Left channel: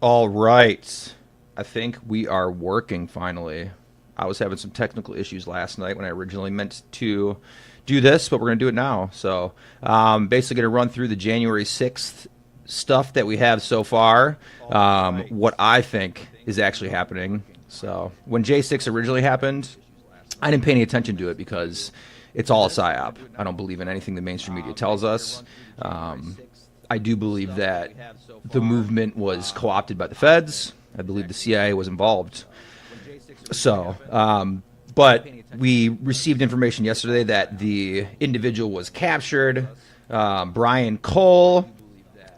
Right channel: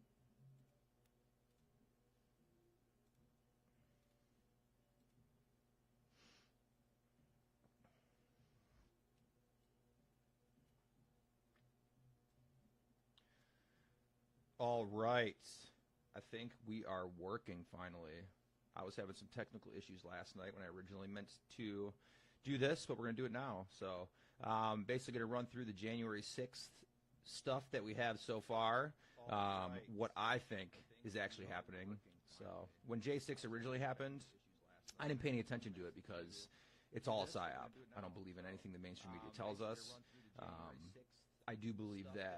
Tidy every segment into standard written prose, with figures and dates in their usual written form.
All right. I think we are working finally. I was having some technical issues last night when I originally meant to do this, but we're going to do it now. So, basically, going to run through the January 6th stuff that we have so far, what I think is actually happening. So, when J6 originally happened, I didn't pay any attention to it because it's all a psyop. I don't believe in anything the mainstream media tells us. I do believe that the movement was co-opted by the feds. I believe the CIA was involved. So, but we received information yesterday that the individual was captured, Brian Cole.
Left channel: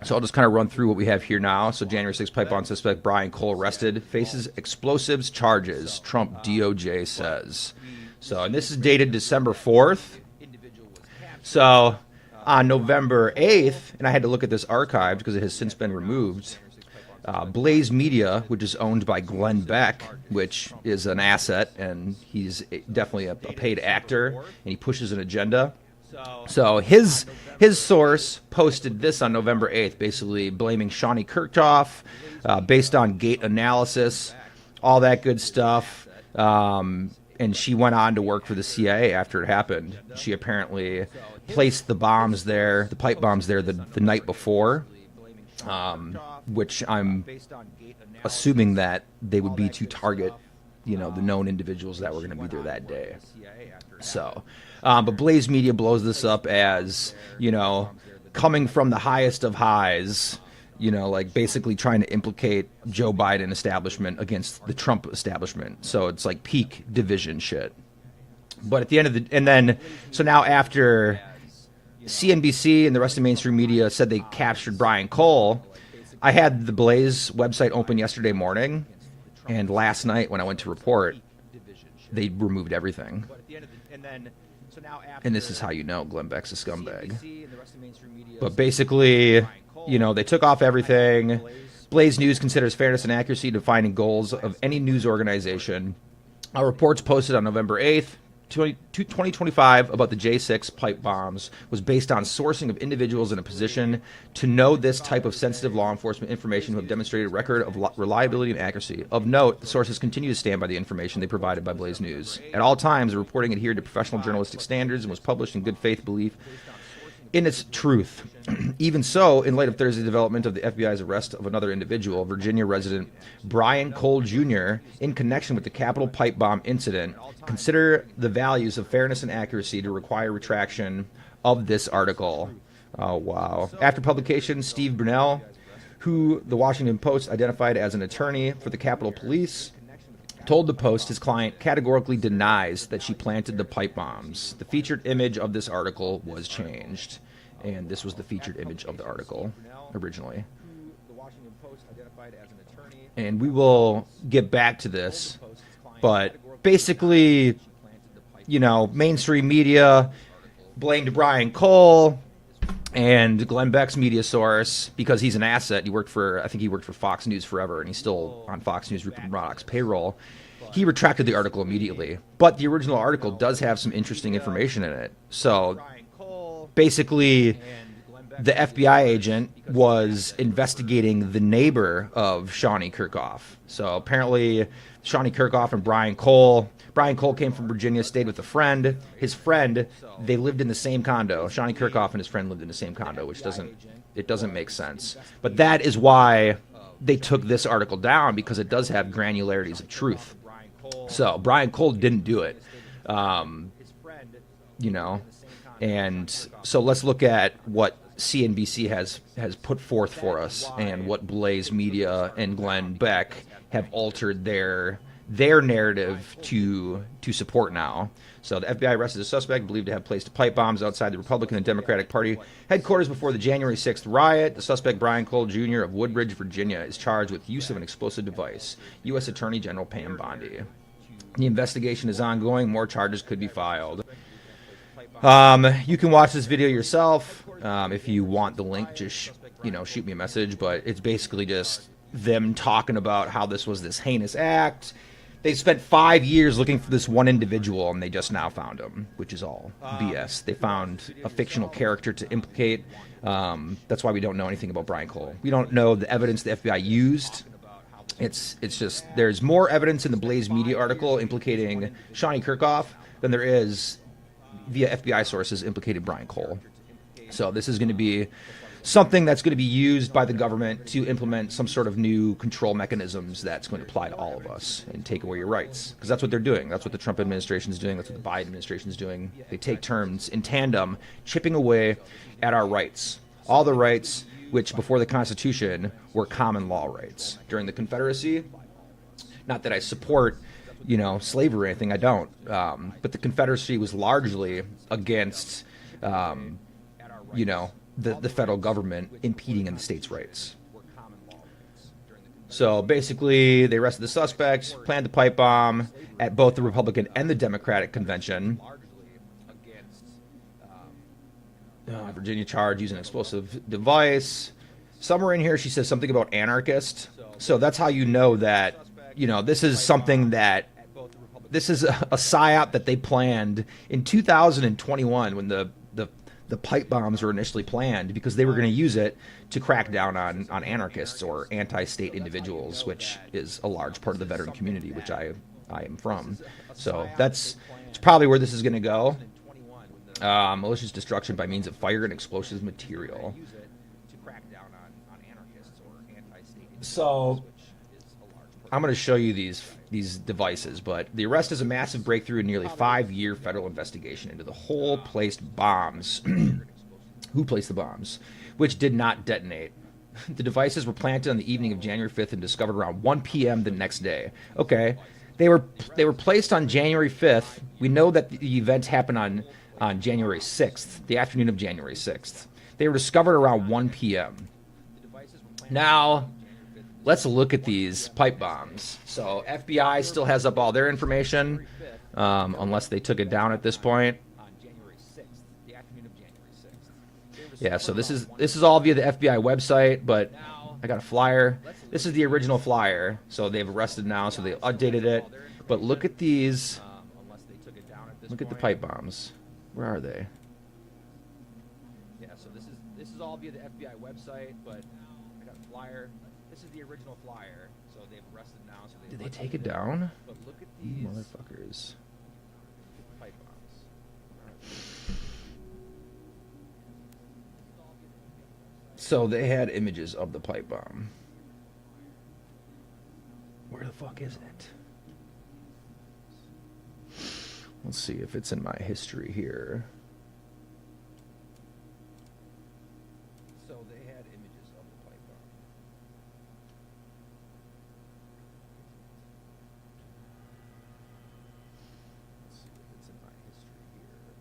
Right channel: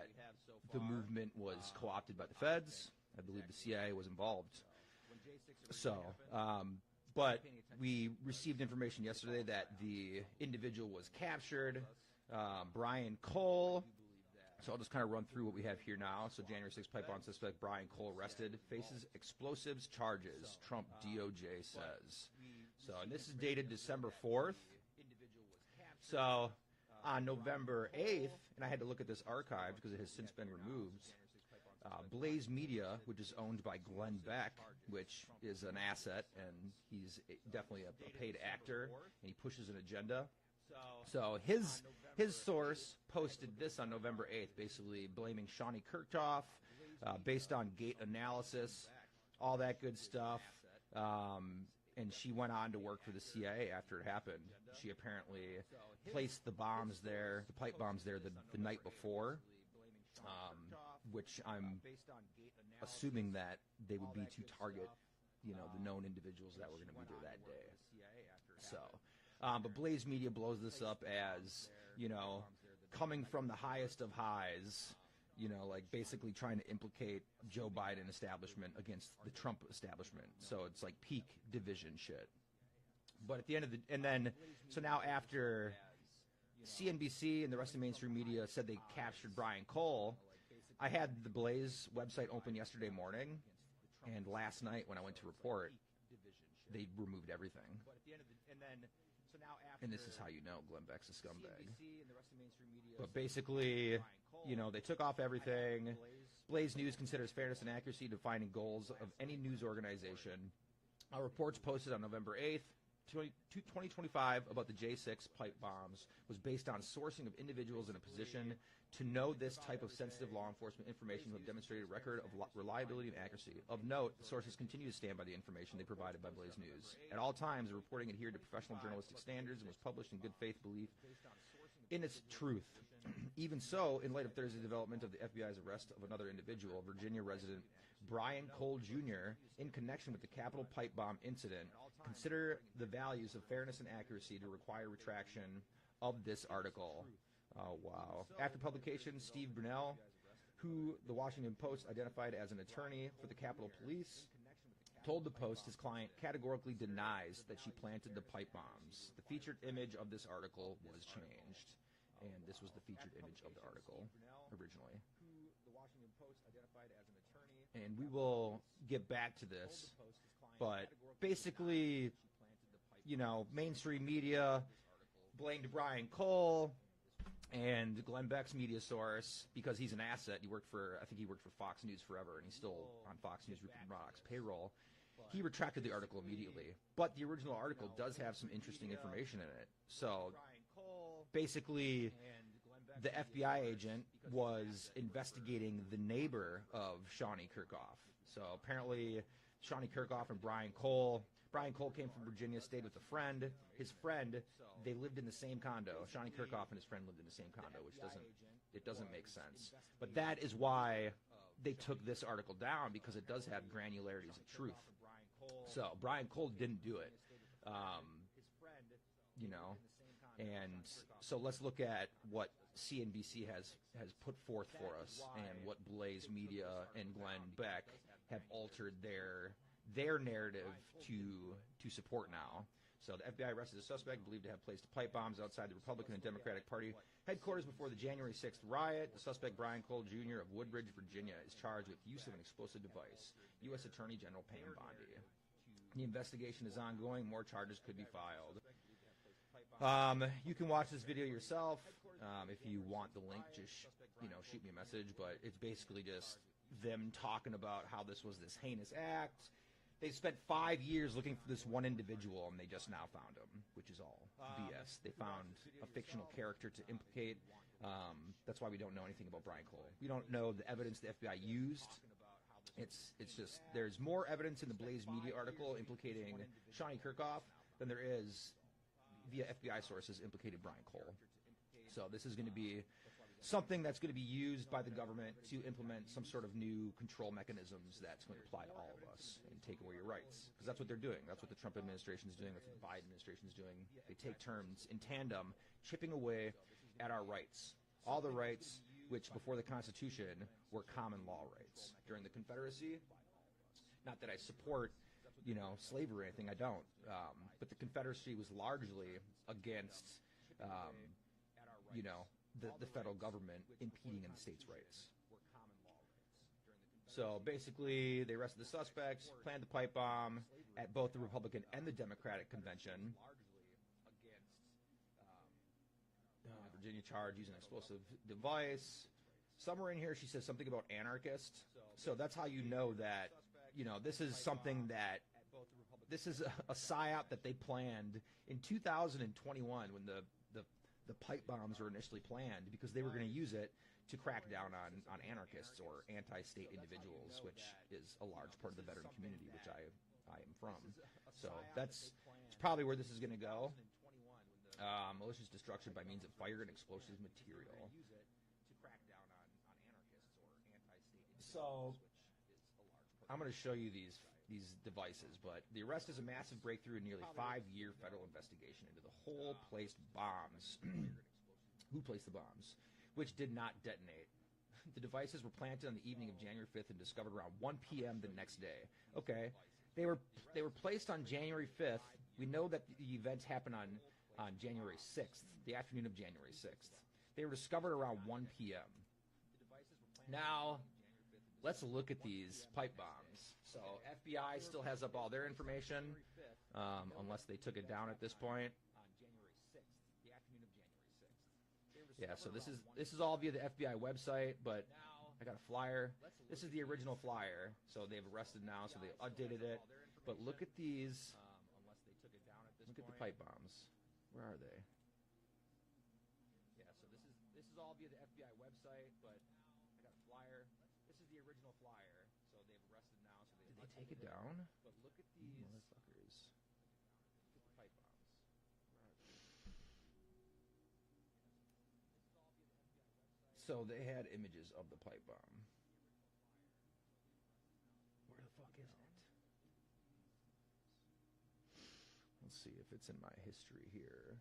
So I'll just kind of run through what we have here now. So January 6th pipe bomb suspect Brian Cole arrested, faces explosives charges, Trump DOJ says. So, and this is dated December 4th. So on November 8th, and I had to look at this archived because it has since been removed, Blaze Media, which is owned by Glenn Beck, which is an asset, and he's definitely a paid actor, and he pushes an agenda. So his source posted this on November 8th, basically blaming Shawnee Kirchhoff, based on gate analysis, all that good stuff. And she went on to work for the CIA after it happened. She apparently placed the bombs there, the pipe bombs there, the night before, which I'm assuming that they would be to target, the known individuals that were going to be there that day. So, but Blaze Media blows this up as, coming from the highest of highs, like basically trying to implicate Joe Biden establishment against the Trump establishment. So it's like peak division shit. But at the end of so now after CNBC and the rest of mainstream media said they captured Brian Cole, I had the Blaze website open yesterday morning, and last night when I went to report, they removed everything. And this is how you know Glenn Beck's a scumbag. But basically, they took off everything. Blaze News considers fairness and accuracy defining goals of any news organization. Our reports posted on November 8th, 2025 about the J6 pipe bombs was based on sourcing of individuals in a position to know this type of sensitive law enforcement information who have demonstrated a record of reliability and accuracy. Of note, the sources continue to stand by the information they provided by Blaze News. At all times, the reporting adhered to professional journalistic standards and was published in good faith belief in its truth. Even so, in light of Thursday's development of the FBI's arrest of another individual, Virginia resident Brian Cole Jr., in connection with the Capitol pipe bomb incident, consider the values of fairness and accuracy to require retraction of this article. Oh, wow. After publication, Steve Brunel, who the Washington Post identified as an attorney for the Capitol Police, told the Post his client categorically denies that she planted the pipe bombs. The featured image of this article was changed. And this was the featured image of the article originally. And we will get back to this. But basically, mainstream media blamed Brian Cole and Glenn Beck's media source because he's an asset. I think he worked for Fox News forever, and he's still on Fox News, Rupert Murdoch's payroll. He retracted the article immediately, but the original article does have some interesting information in it. So basically, the FBI agent was investigating the neighbor of Shawnee Kirchhoff. So apparently, Shawnee Kirchhoff and Brian Cole came from Virginia, stayed with a friend. His friend, they lived in the same condo. Shawnee Kirchhoff and his friend lived in the same condo, which doesn't make sense. But that is why they took this article down, because it does have granularities of truth. So Brian Cole didn't do it. And so let's look at what CNBC has put forth for us, and what Blaze Media and Glenn Beck have altered their narrative to support now. So the FBI arrested a suspect believed to have placed pipe bombs outside the Republican and Democratic Party headquarters before the January 6th riot. The suspect, Brian Cole Jr. of Woodbridge, Virginia, is charged with use of an explosive device. U.S. Attorney General Pam Bondi. The investigation is ongoing. More charges could be filed. You can watch this video yourself. If you want the link, just shoot me a message. But it's basically just them talking about how this was this heinous act. They spent 5 years looking for this one individual, and they just now found him, which is all BS. They found a fictional character to implicate. That's why we don't know anything about Brian Cole. We don't know the evidence the FBI used. It's just there's more evidence in the Blaze Media article implicating Shawnee Kirkhoff than there is via FBI sources implicating Brian Cole. So this is going to be something that's going to be used by the government to implement some sort of new control mechanisms that's going to apply to all of us and take away your rights. Because that's what they're doing. That's what the Trump administration is doing. That's what the Biden administration is doing. They take turns in tandem, chipping away at our rights. All the rights which before the Constitution were common law rights. During the Confederacy, not that I support, slavery or anything, I don't. But the Confederacy was largely against, the federal government impeding in the states' rights. So basically, they arrested the suspects, planted the pipe bomb at both the Republican and the Democratic convention. Virginia charged using an explosive device. Somewhere in here, she says something about anarchist. So that's how you know that, this is something that, this is a psyop that they planned in 2021 when the pipe bombs were initially planned, because they were going to use it to crack down on anarchists or anti-state individuals, which is a large part of the veteran community, which I am from. So it's probably where this is going to go. Malicious destruction by means of fire and explosive material. So I'm going to show you these devices, but the arrest is a massive breakthrough in nearly 5-year federal investigation into the whole placed bombs. Who placed the bombs, which did not detonate. The devices were planted on the evening of January 5th and discovered around 1 p.m. the next day. Okay, they were placed on January 5th. We know that the event happened on January 6th, the afternoon of January 6th. They were discovered around 1 p.m. Now, let's look at these pipe bombs. So FBI still has up all their information, unless they took it down at this point. Yeah, so this is all via the FBI website, but I got a flyer. This is the original flyer. So they've arrested now, so they updated it. But look at these. Look at the pipe bombs. Where are they? Yeah, so this is all via the FBI website, but I got a flyer. This is the original flyer. So they've arrested now, so they did they take it down? But look at these motherfuckers. Look at the pipe bombs. Where are they? So they had images of the pipe bomb. Where the fuck is it? Let's see if it's in my history here. So they had images of the pipe bomb. Let's see if it's in my history here.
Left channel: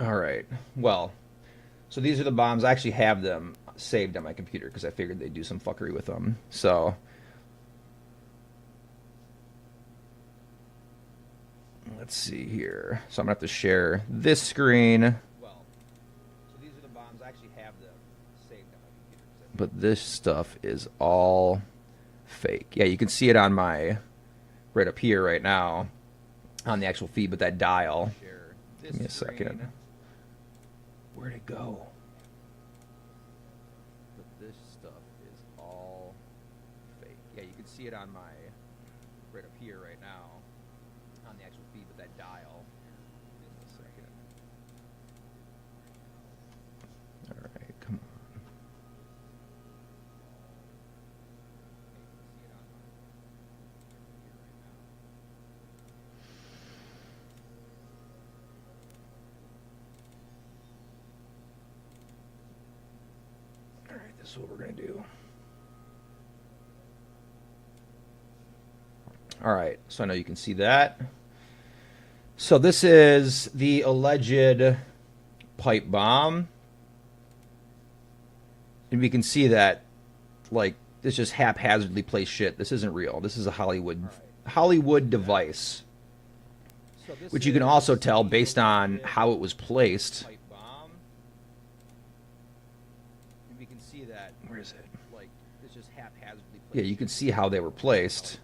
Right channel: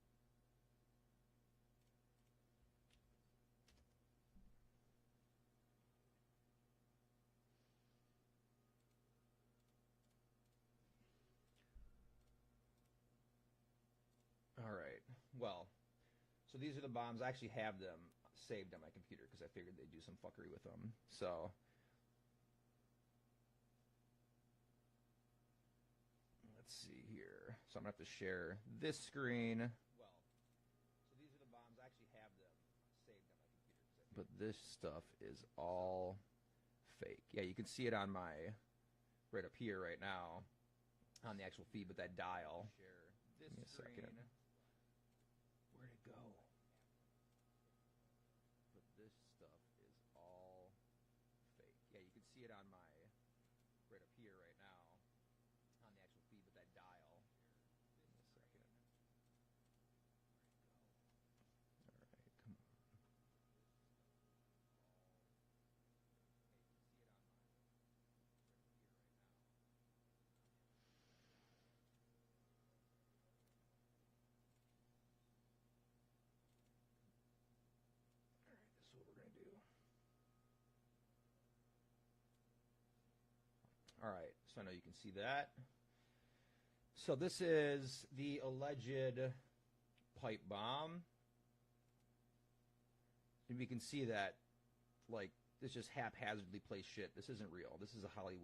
All right. Well, so these are the bombs. I actually have them saved on my computer because I figured they'd do some fuckery with them. So let's see here. So I'm going to have to share this screen. Well, so these are the bombs. I actually have them saved on my computer. But this stuff is all fake. Yeah, you can see it on my, right up here right now, on the actual feed, but that dial. Share this Give me a screen. Second. Where'd it go? But this stuff is all fake. Yeah, you can see it on my, right up here right now, on the actual feed, but that dial. Give me a second. Where'd it go? All right, come on. Yeah, you can see it on my, right up here right now. All right, this is what we're going to do. All right, so I know you can see that. So this is the alleged pipe bomb. And we can see that, like, this just haphazardly placed shit. This isn't real. This is a Hollywood device. So which you can also tell based on how it was placed. Pipe bomb. And we can see that. Where is it? Like, this just haphazardly placed. Yeah, you can see how they were placed.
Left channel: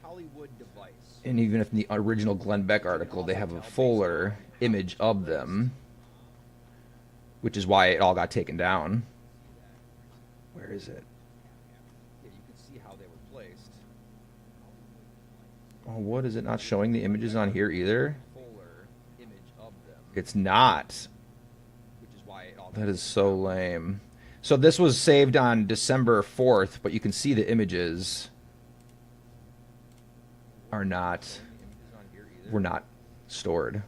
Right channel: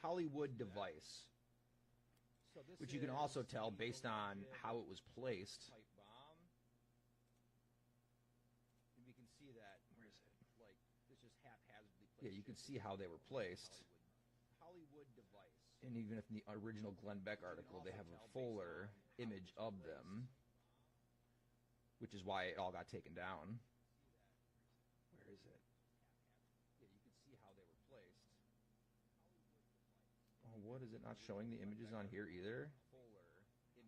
Hollywood device. And even if in the original Glenn Beck article they have a fuller image of them, which is why it all got taken down. Where is it? Yeah, you can see how they were placed. Oh, what is it not showing the images on here either? Fuller image of them. It's not. Which is why it all got taken down. That is so lame. So this was saved on December 4th, but you can see the images are not, were not stored.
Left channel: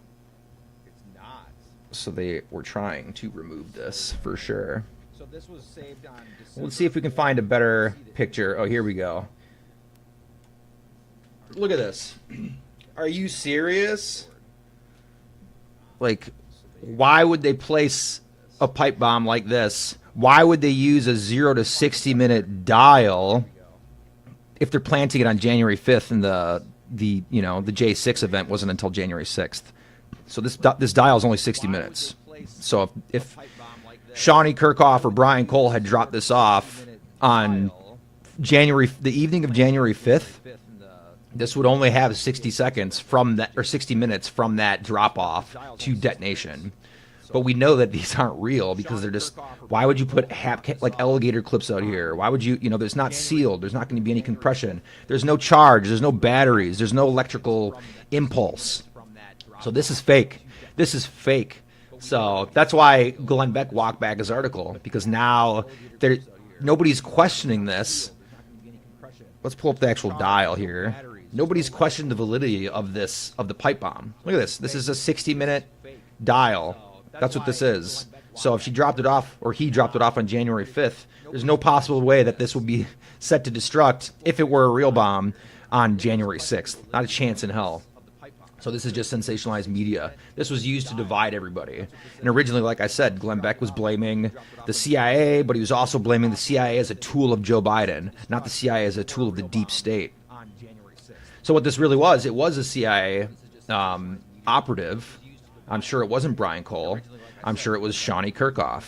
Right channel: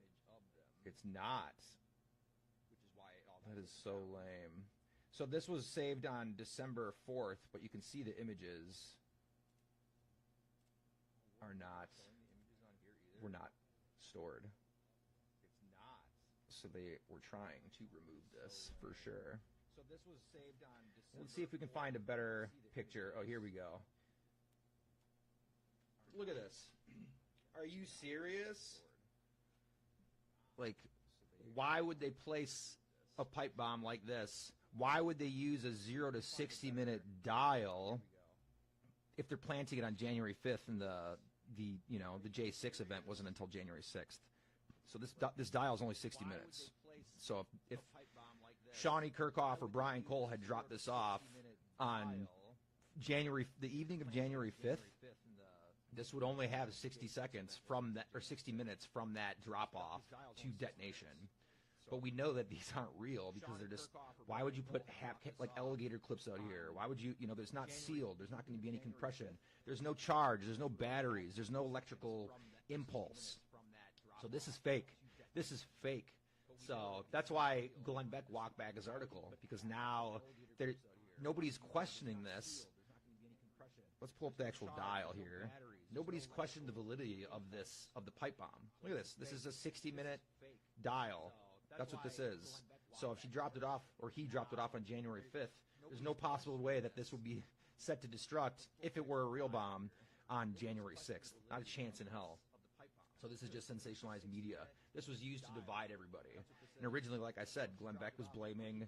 It's not. So they were trying to remove this for sure. So this was saved on December. Let's see if we can find a better picture. Oh, here we go. Look at this. Are you serious? Like, why would they place a pipe bomb like this? Why would they use a 0 to 60 minute dial if they're planting it on January 5th and the J6 event wasn't until January 6th? So this dial is only 60 minutes. So if Shawnee Kirkhoff or Brian Cole had dropped this off on the evening of January 5th, this would only have 60 seconds from that, or 60 minutes from that drop off to detonation. But we know that these aren't real because they're just, why would you put like alligator clips out here? Why would you, there's not sealed. There's not going to be any compression. There's no charge. There's no batteries. There's no electrical impulse. So this is fake. This is fake. So that's why Glenn Beck walked back his article, because now nobody's questioning this. Let's pull up the actual dial here. Nobody's questioned the validity of the pipe bomb. Look at this. This is a 60-minute dial. That's what this is. So if she dropped it off, or he dropped it off on January 5th, there's no possible way that this would be set to destruct if it were a real bomb on January 6th. Not a chance in hell. So this is just sensationalized media. This was used to divide everybody. And originally, like I said, Glenn Beck was blaming the CIA, but he was also blaming the CIA as a tool of Joe Biden, not the CIA as a tool of the deep state. So what this really was, it was a CIA operative. I'm sure it wasn't Brian Cole. I'm sure it was Shawnee Kirkhoff.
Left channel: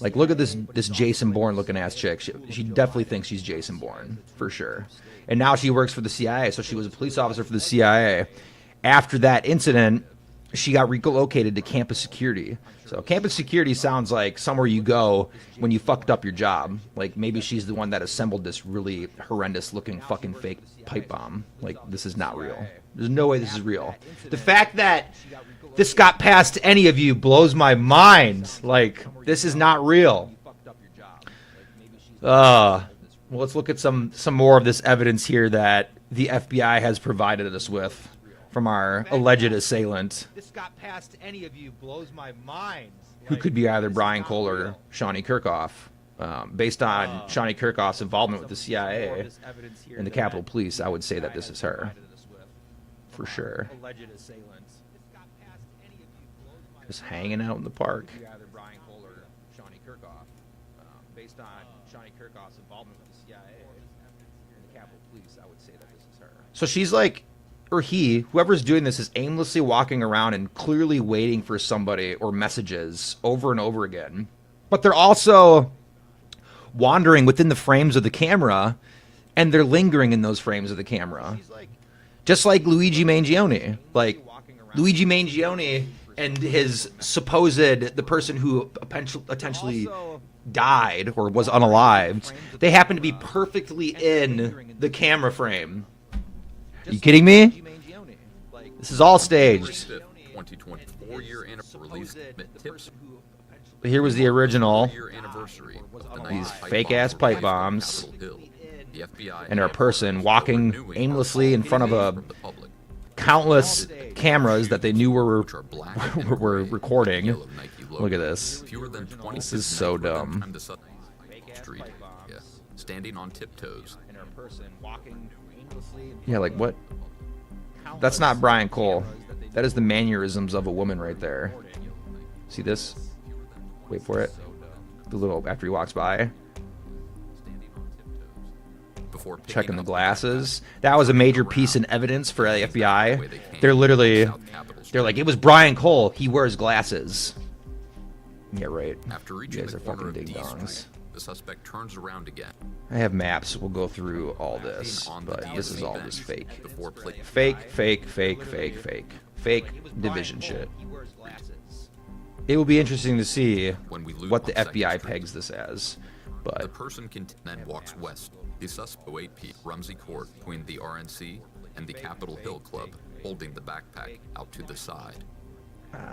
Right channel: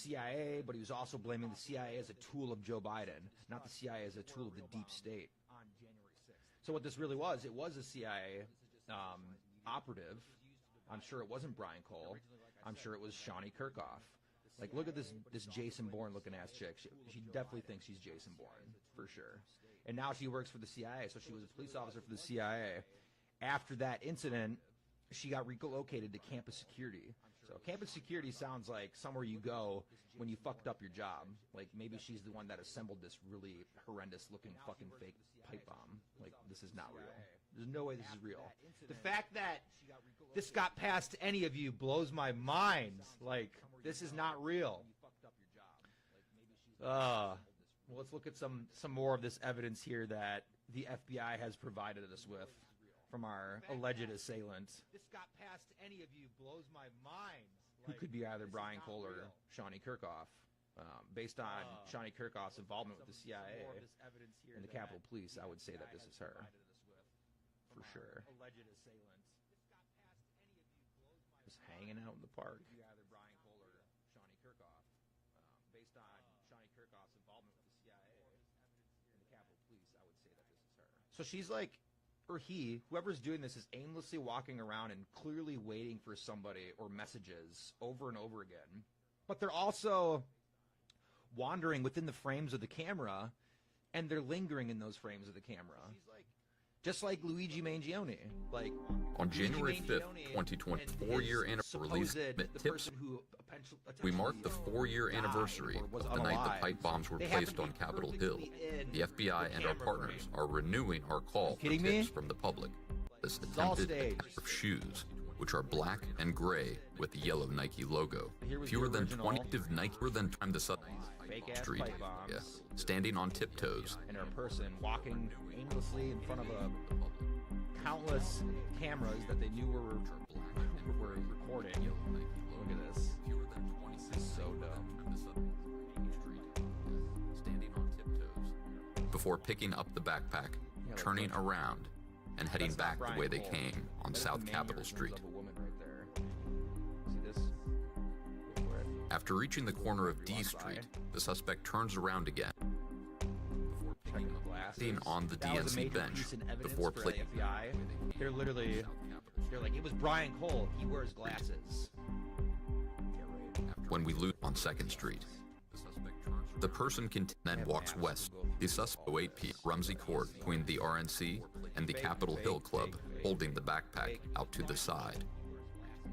Like, look at this Jason Bourne looking ass chick. She definitely thinks she's Jason Bourne, for sure. And now she works for the CIA, so she was a police officer for the CIA. After that incident, she got relocated to campus security. So campus security sounds like somewhere you go when you fucked up your job. Like, maybe she's the one that assembled this really horrendous looking fucking fake pipe bomb. Like, this is not real. There's no way this is real. The fact that this got past any of you blows my mind. Like, this is not real. Well, let's look at some more of this evidence here that the FBI has provided us with from our alleged assailant. This got past any of you blows my mind. Who could be either Brian Cole or Shawnee Kirkhoff. Based on Shawnee Kirkhoff's involvement with the CIA and the Capitol Police, I would say that this is her. For sure. Alleged assailant. Just hanging out in the park. Could be either Brian Cole or Shawnee Kirkhoff. Based on Shawnee Kirkhoff's involvement with the CIA and the Capitol Police, I would say that this is her. So she's like, or he, whoever's doing this, is aimlessly walking around and clearly waiting for somebody or messages over and over again. But they're also wandering within the frames of the camera, and they're lingering in those frames of the camera. Just like Luigi Mangione. Like, Luigi Mangione and his supposed, the person who potentially died or was unalived, they happen to be perfectly in the camera frame. Are you kidding me? This is all staged. 2024 year anniversary. Here was the original Anniversary fake ass pipe bombs, the FBI and a person walking aimlessly in front of a countless cameras that they knew were recording. Look at this. Fewer than 20 This is so dumb. Street. Yeah. Standing on tiptoes. And a person walking aimlessly. Yeah, like what? That's not Brian Cole. That is the mannerisms of a woman right there. See this? Wait for it. The little after he walks by. before picking checking the up glasses. backpack, That was a turning major around, piece in evidence for the and heading back the FBI. way they came, They're literally, South Capitol they're Street. like, it was Brian Cole. He wears glasses. Yeah, right. After reaching guys the are corner of fucking D ding-dongs. Street, the suspect turns around again. I have maps. We'll go through all this. On the But this is DSC all bench just fake. before play. Fake, fake, fake, fake, fake. Fake division shit. He wears glasses. It will be interesting to see When we loop what the on Second FBI Street, pegs this as. the But person then walks west. The suspect 08 P Rumsey Court between the RNC and the Capitol Hill Club, holding the backpack out to the side.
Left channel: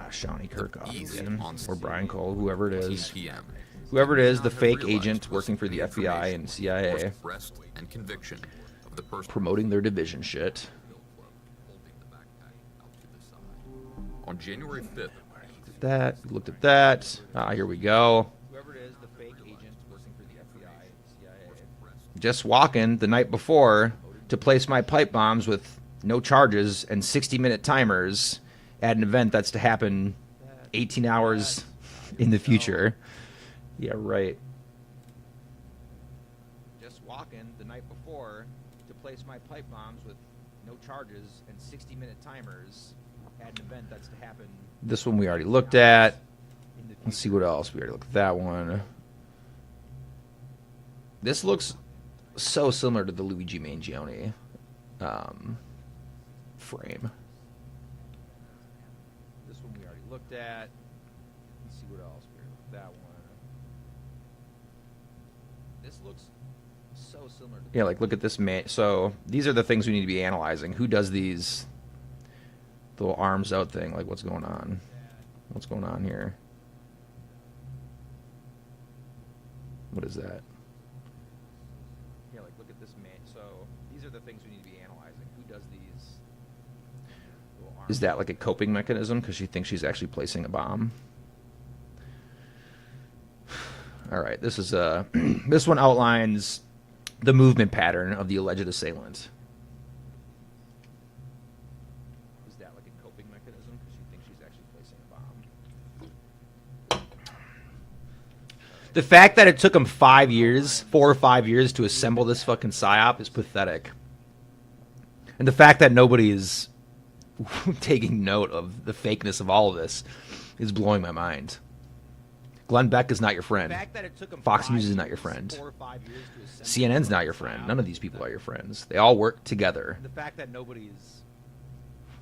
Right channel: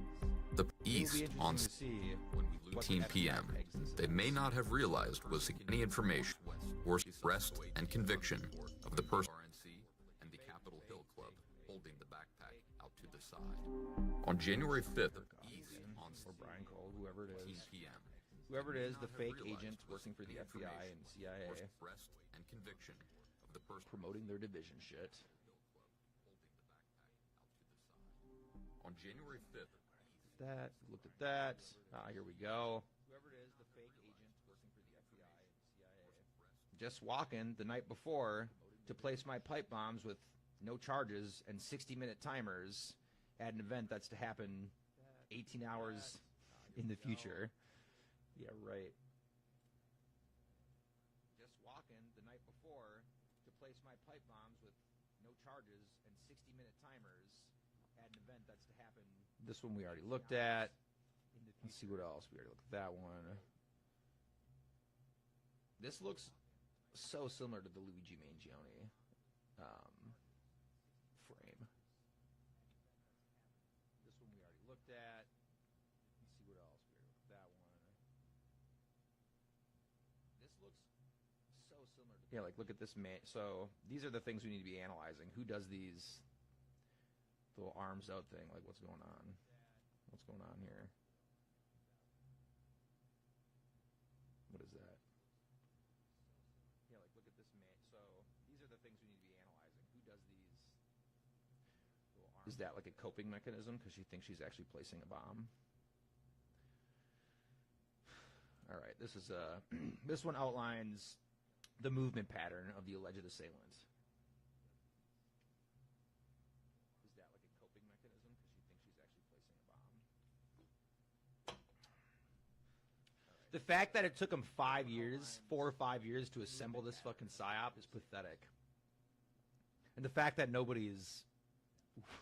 Shawnee Kirk east again, on or Brian Cole, whoever it 15 is. p.m. Whoever it May is, not the have fake realized agent was working for the any FBI information and or CIA, arrest and conviction of the person promoting their division shit. holding the backpack out to the side. On January 5th, That, looked at that. Here we go. Whoever it is, the fake agent working for the FBI and CIA. Just walking the night before to place my pipe bombs with no charges and 60-minute timers at an event that's to happen 18 hours in the future. Yeah, right. Just walking the night before to place my pipe bombs with no charges and 60-minute timers at an event that's to happen. This one we already looked at. Let's see what else. We already looked at that one. This looks so similar to the Luigi Mangione frame. This one we already looked at. Let's see what else. We already looked at that one. This looks so similar to... Yeah, like, look at this man. So, these are the things we need to be analyzing. Who does these little arms out thing? Like, what's going on? What's going on here? What is that? Yeah, like, look at this man. So, these are the things we need to be analyzing. Who does these little arms? Is that like a coping mechanism because she thinks she's actually placing a bomb? All right, this is this one outlines the movement pattern of the alleged assailant. Is that like a coping mechanism because she thinks she's actually placing a bomb? The fact that it took him 4 or 5 years to assemble this fucking psyop is pathetic. And the fact that nobody is taking note of the fakeness of all of this is blowing my mind. Glenn Beck is not your friend. The fact that it took him Fox 5 News is not years, your friend. 4 or 5 years to assemble CNN's this not your fucking friend. psyop None of is these people are pathetic. your friends. They all work together And the fact that nobody is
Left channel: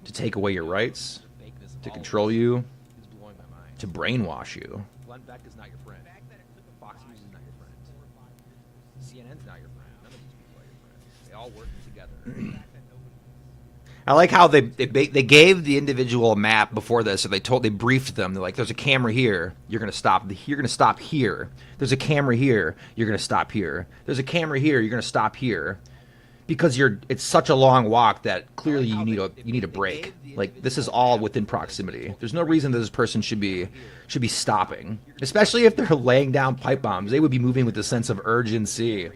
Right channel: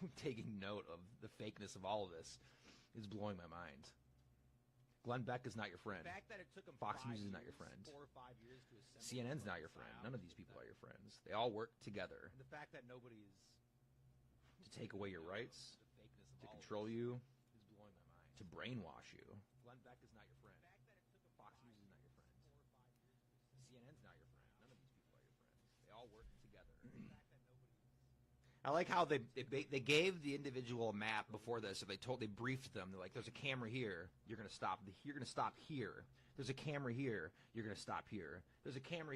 to take away your rights, the fakeness of to all of control this you, is blowing my mind. to brainwash you. Glenn Beck is not your friend. The fact that it took him Fox 5 News is not your friend. CNN's not your friend. None of these people are your friends. They all work together. The fact that nobody I like how they gave the individual a map before this, or they briefed them. They're like, "There's a camera here. You're gonna stop. You're gonna stop here. There's a camera here. You're gonna stop here. There's a camera here. You're gonna stop here." Because it's such a long walk that clearly you need a break. Like, this is all within proximity. There's no reason that this person should be stopping, especially if they're laying down pipe bombs. They would be moving with a sense of urgency.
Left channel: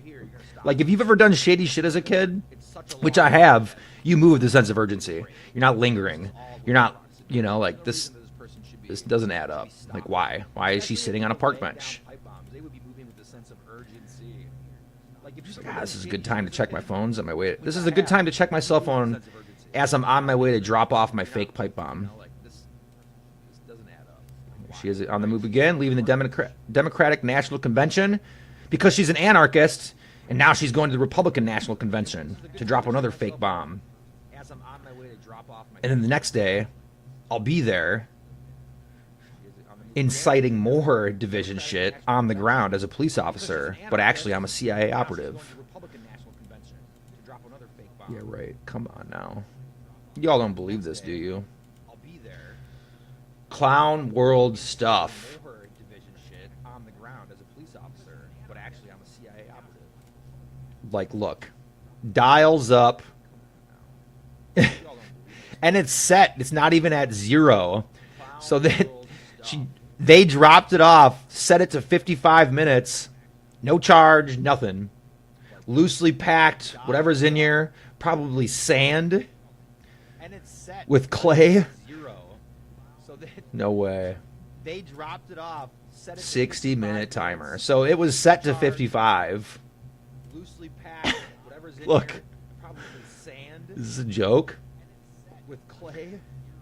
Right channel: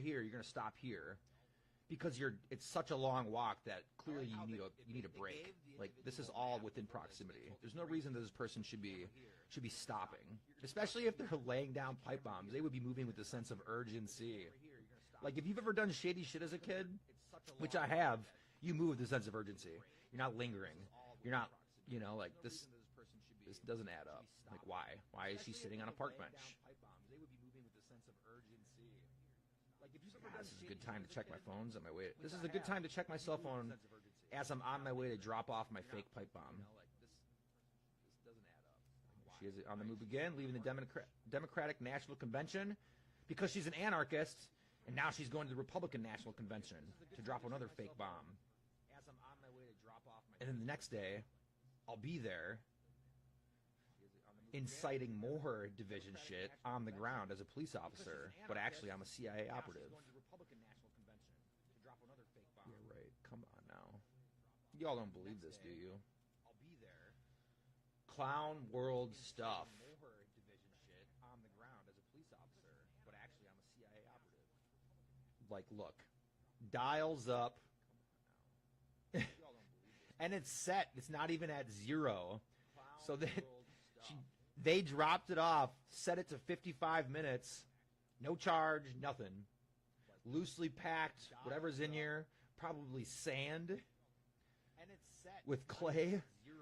Like, if you've ever done shady shit as a kid, which I have, you move with a sense of urgency. You're not lingering. You're not, like, this doesn't add up. Like, why? Why is she sitting on a park bench? They would be moving with a sense of urgency. Like, if you've ever God, done this is a shady good time shit to as check a my kid, phones on my way. which This I is a good have, time to check my cell you move with a phone sense of urgency. as I'm on my way to drop off my fake pipe bomb. Like, this doesn't add up. Like, why? She is on the move again, leaving the Democratic National Convention because she's an anarchist, and now she's going to the Republican National Convention to drop another fake bomb. As I'm on my way to drop off my And then the next day, I'll be there She is on the move inciting again. more division shit on the ground as a police officer, but actually I'm a CIA Now she's operative. going to the Republican National Convention to drop another fake bomb. Yeah, right. Come on now. Y'all don't believe this, do you? I'll be there. Clown world inciting stuff. More division shit on the ground as a police officer, but actually I'm a CIA operative. Like, look, dials up, Y'all don't believe this. and it's set. It's not even at 0. Clown So that world she, stuff. they dropped it off, set it to 55 minutes, no charge, nothing. Loosely packed, whatever's in here, probably sand And it's set with clay. 0. So No way. they dropped it off, set it to 60-minute 55 timer. minutes, So it was set to Charge. 55. loosely packed, whatever. Whatever's in Look. here, probably sand This is a joke. with clay.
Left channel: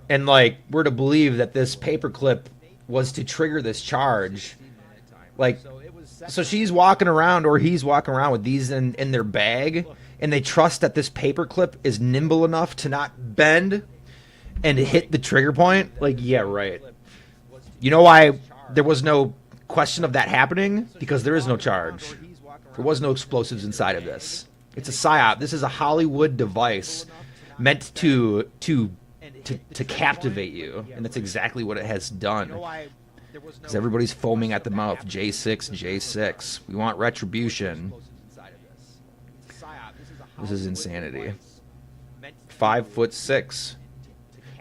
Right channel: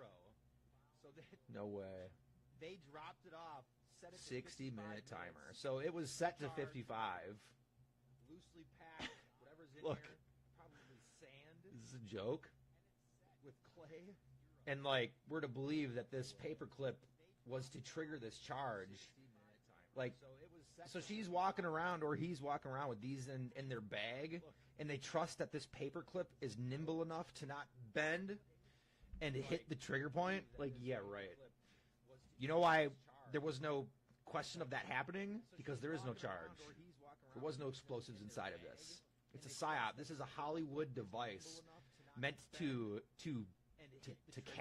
And like, we're to believe that this paperclip was to trigger this charge. 60-minute timer. Like, so it was so she's walking around, or he's walking around with these in their bag, and they trust that this paperclip is nimble enough to not bend and hit the trigger point. Like, yeah, right. You know why there was no question of that happening? Because there is no charge. There was no explosives inside of this. It's a psyop. This is a Hollywood device meant to captivate you, and that's exactly what it has done. Because everybody's foaming at the mouth. J6, J6. We want retribution. This is insanity. 5'6".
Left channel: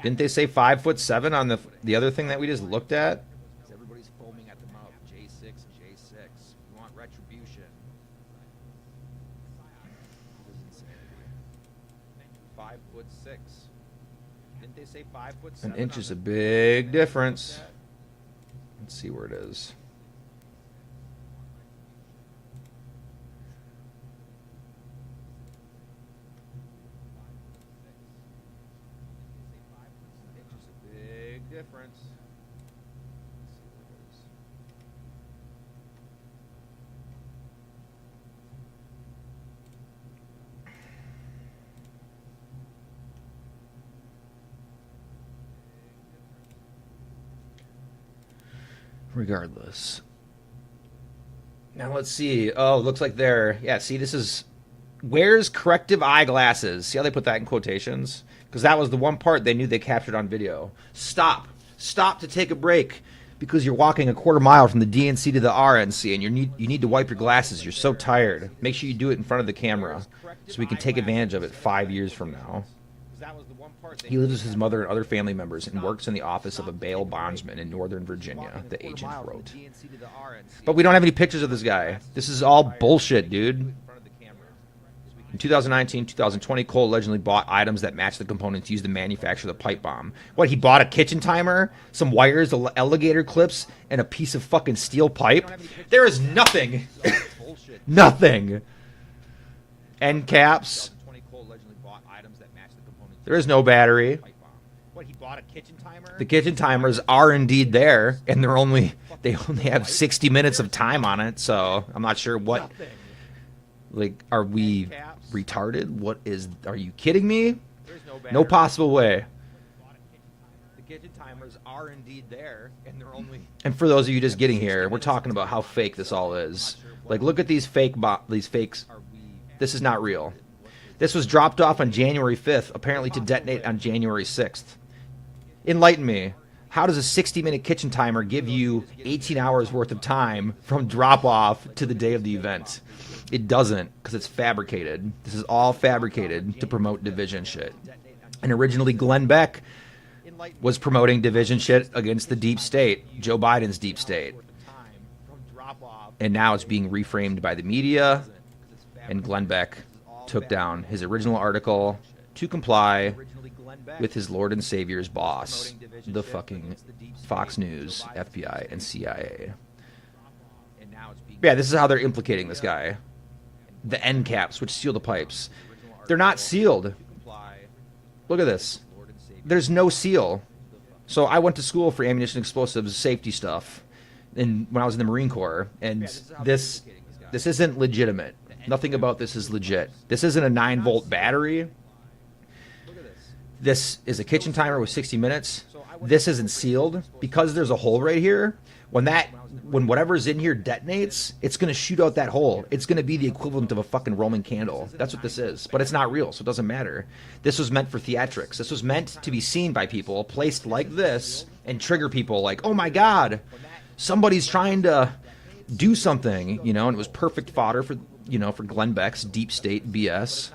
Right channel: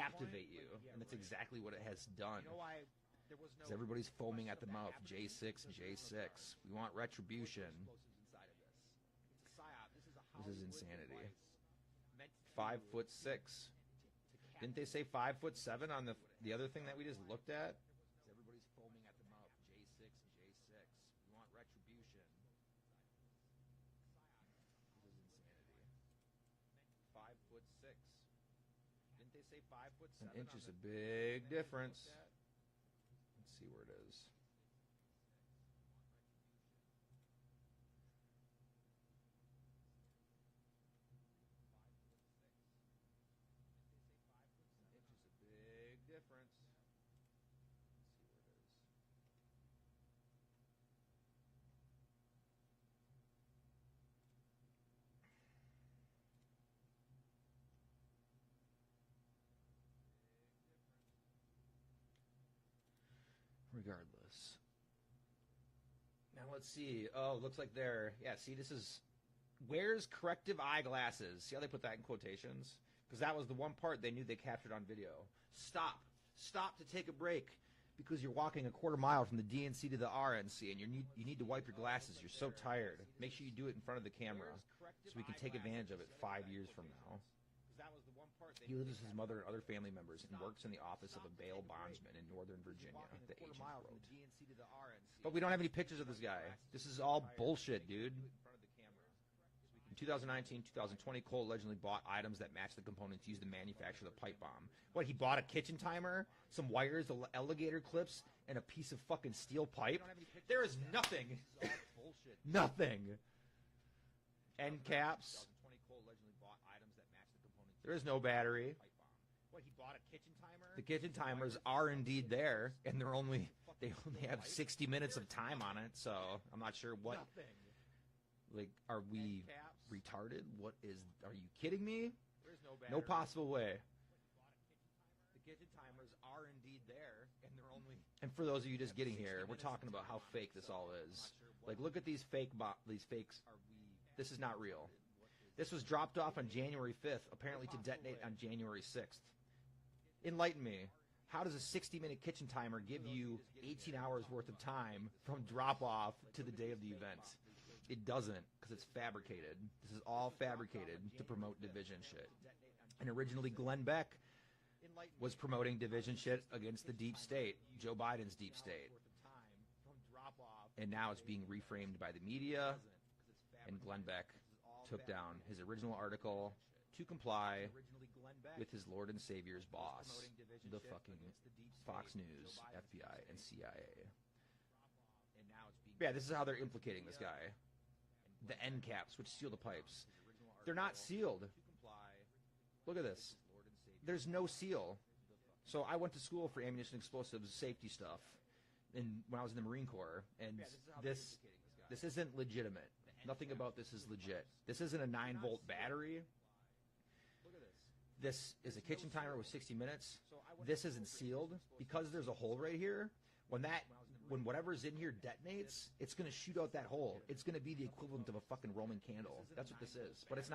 Didn't they say 5'7" on the other thing that we just looked at? Everybody's foaming at the mouth. J6, J6. We want retribution. This is insanity. 5'6". Didn't they say 5'7"? An inch is a big difference. Let's see where it is. An inch is a big difference. Let's see where it is. Regardless. Now let's see. Oh, looks like they're... Yeah, see, this is... Wears corrective eyeglasses. See how they put that in quotations? Because that was the one part they knew they captured on video. Stop. Stop to take a break. Because you're walking a quarter mile from the DNC to the RNC, and you need to wipe your glasses. You're so tired. Make sure you do it in front of the camera, so we can take advantage of it 5 years from now. He lives with his mother and other family members and works in the office of a bail bondsman in Northern Virginia, the agent wrote. But we don't have any pictures of this guy. This is all bullshit, dude. In 2019-2020, Cole allegedly bought items that matched the components used to manufacture the pipe bomb. What, he bought a kitchen timer, some wires, alligator clips, and a piece of fucking steel pipe? There is nothing. Nothing. End caps. There is no battery. What, he bought a kitchen timer? The kitchen timers are indeed there, and they only have 60 minutes of time on it, so I'm not sure what. Like, are we retarded? What is? Are you kidding me? No possible way. The kitchen timers are indeed there, and they're only. And for those of you just getting here, we're talking about how fake this all is. Like, look at these these fakes. This is not real. This was dropped off on January 5th, apparently to detonate on January 6th. Enlighten me. How does a 60-minute kitchen timer give you 18 hours worth of time from drop-off to the day of the event? It doesn't, because it's fabricated. This is all fabricated to promote division shit. And originally, Glenn Beck was promoting division shit against the deep state, Joe Biden's deep state. And now it's being reframed by the media, and Glenn Beck took down his original article to comply with his Lord and Savior's boss, the fucking Fox News, FBI, and CIA. Yeah, this is how they're implicating this guy. The end caps, which seal the pipes. They're not sealed. Look at this. There's no seal. So I went to school for ammunition explosives safety stuff when I was in the Marine Corps, and this isn't legitimate. Nothing about this is legit. This isn't a 9-volt battery. This is a kitchen timer with 60 minutes. This isn't sealed because there's a hole right here. When whatever's in here detonates, it's going to shoot out that hole. It's going to be the equivalent of a fucking Roman candle. That's what this is. But it's not real, so it doesn't matter. This was meant for theatrics. This was meant to be seen by people, placed like this, and trigger people like, oh my God, somebody's trying to do something, and it was perfect fodder for Glenn Beck's deep state BS.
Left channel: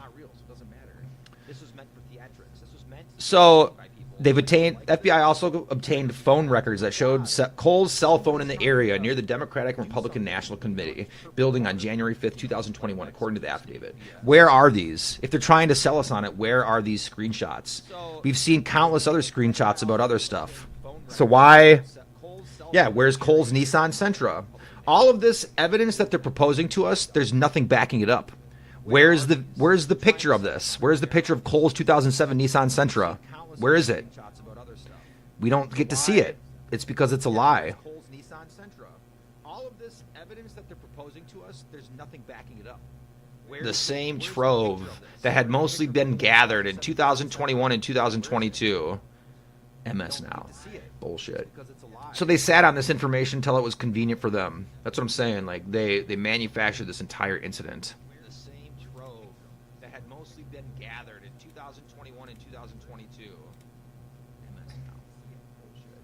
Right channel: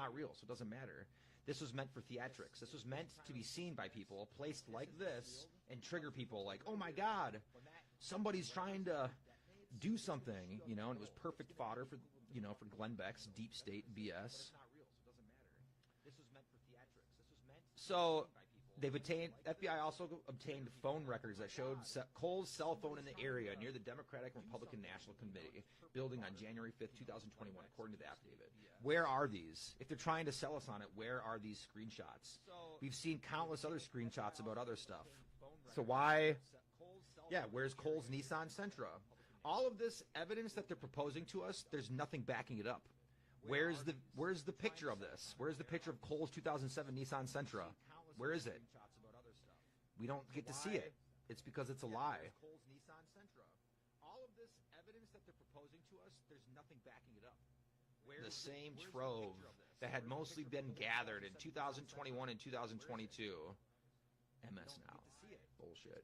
This was meant for theatrics. This was meant. So FBI also obtained phone records that showed Cole's cell phone in the area near the Democratic and Republican National Committee building on January 5th, 2021, according to the affidavit. Where are these? If they're trying to sell us on it, where are these screenshots? We've seen countless other screenshots about other stuff. So why? Yeah, where's Cole's Nissan Sentra? All of this evidence that they're proposing to us, there's nothing backing it up. Where's the picture of this? Where's the picture of Cole's 2007 Nissan Sentra? Where is it? We don't get to see it. It's because it's a lie. Cole's Nissan Sentra. All of this evidence that they're proposing to us, there's nothing backing it up. The same trove that had mostly been gathered in 2021 and 2022. MS now. Bullshit. So they sat on this information until it was convenient for them. That's what I'm saying. Like they manufactured this entire incident. The same trove that had mostly been gathered in 2021 and 2022. MS now. Bullshit.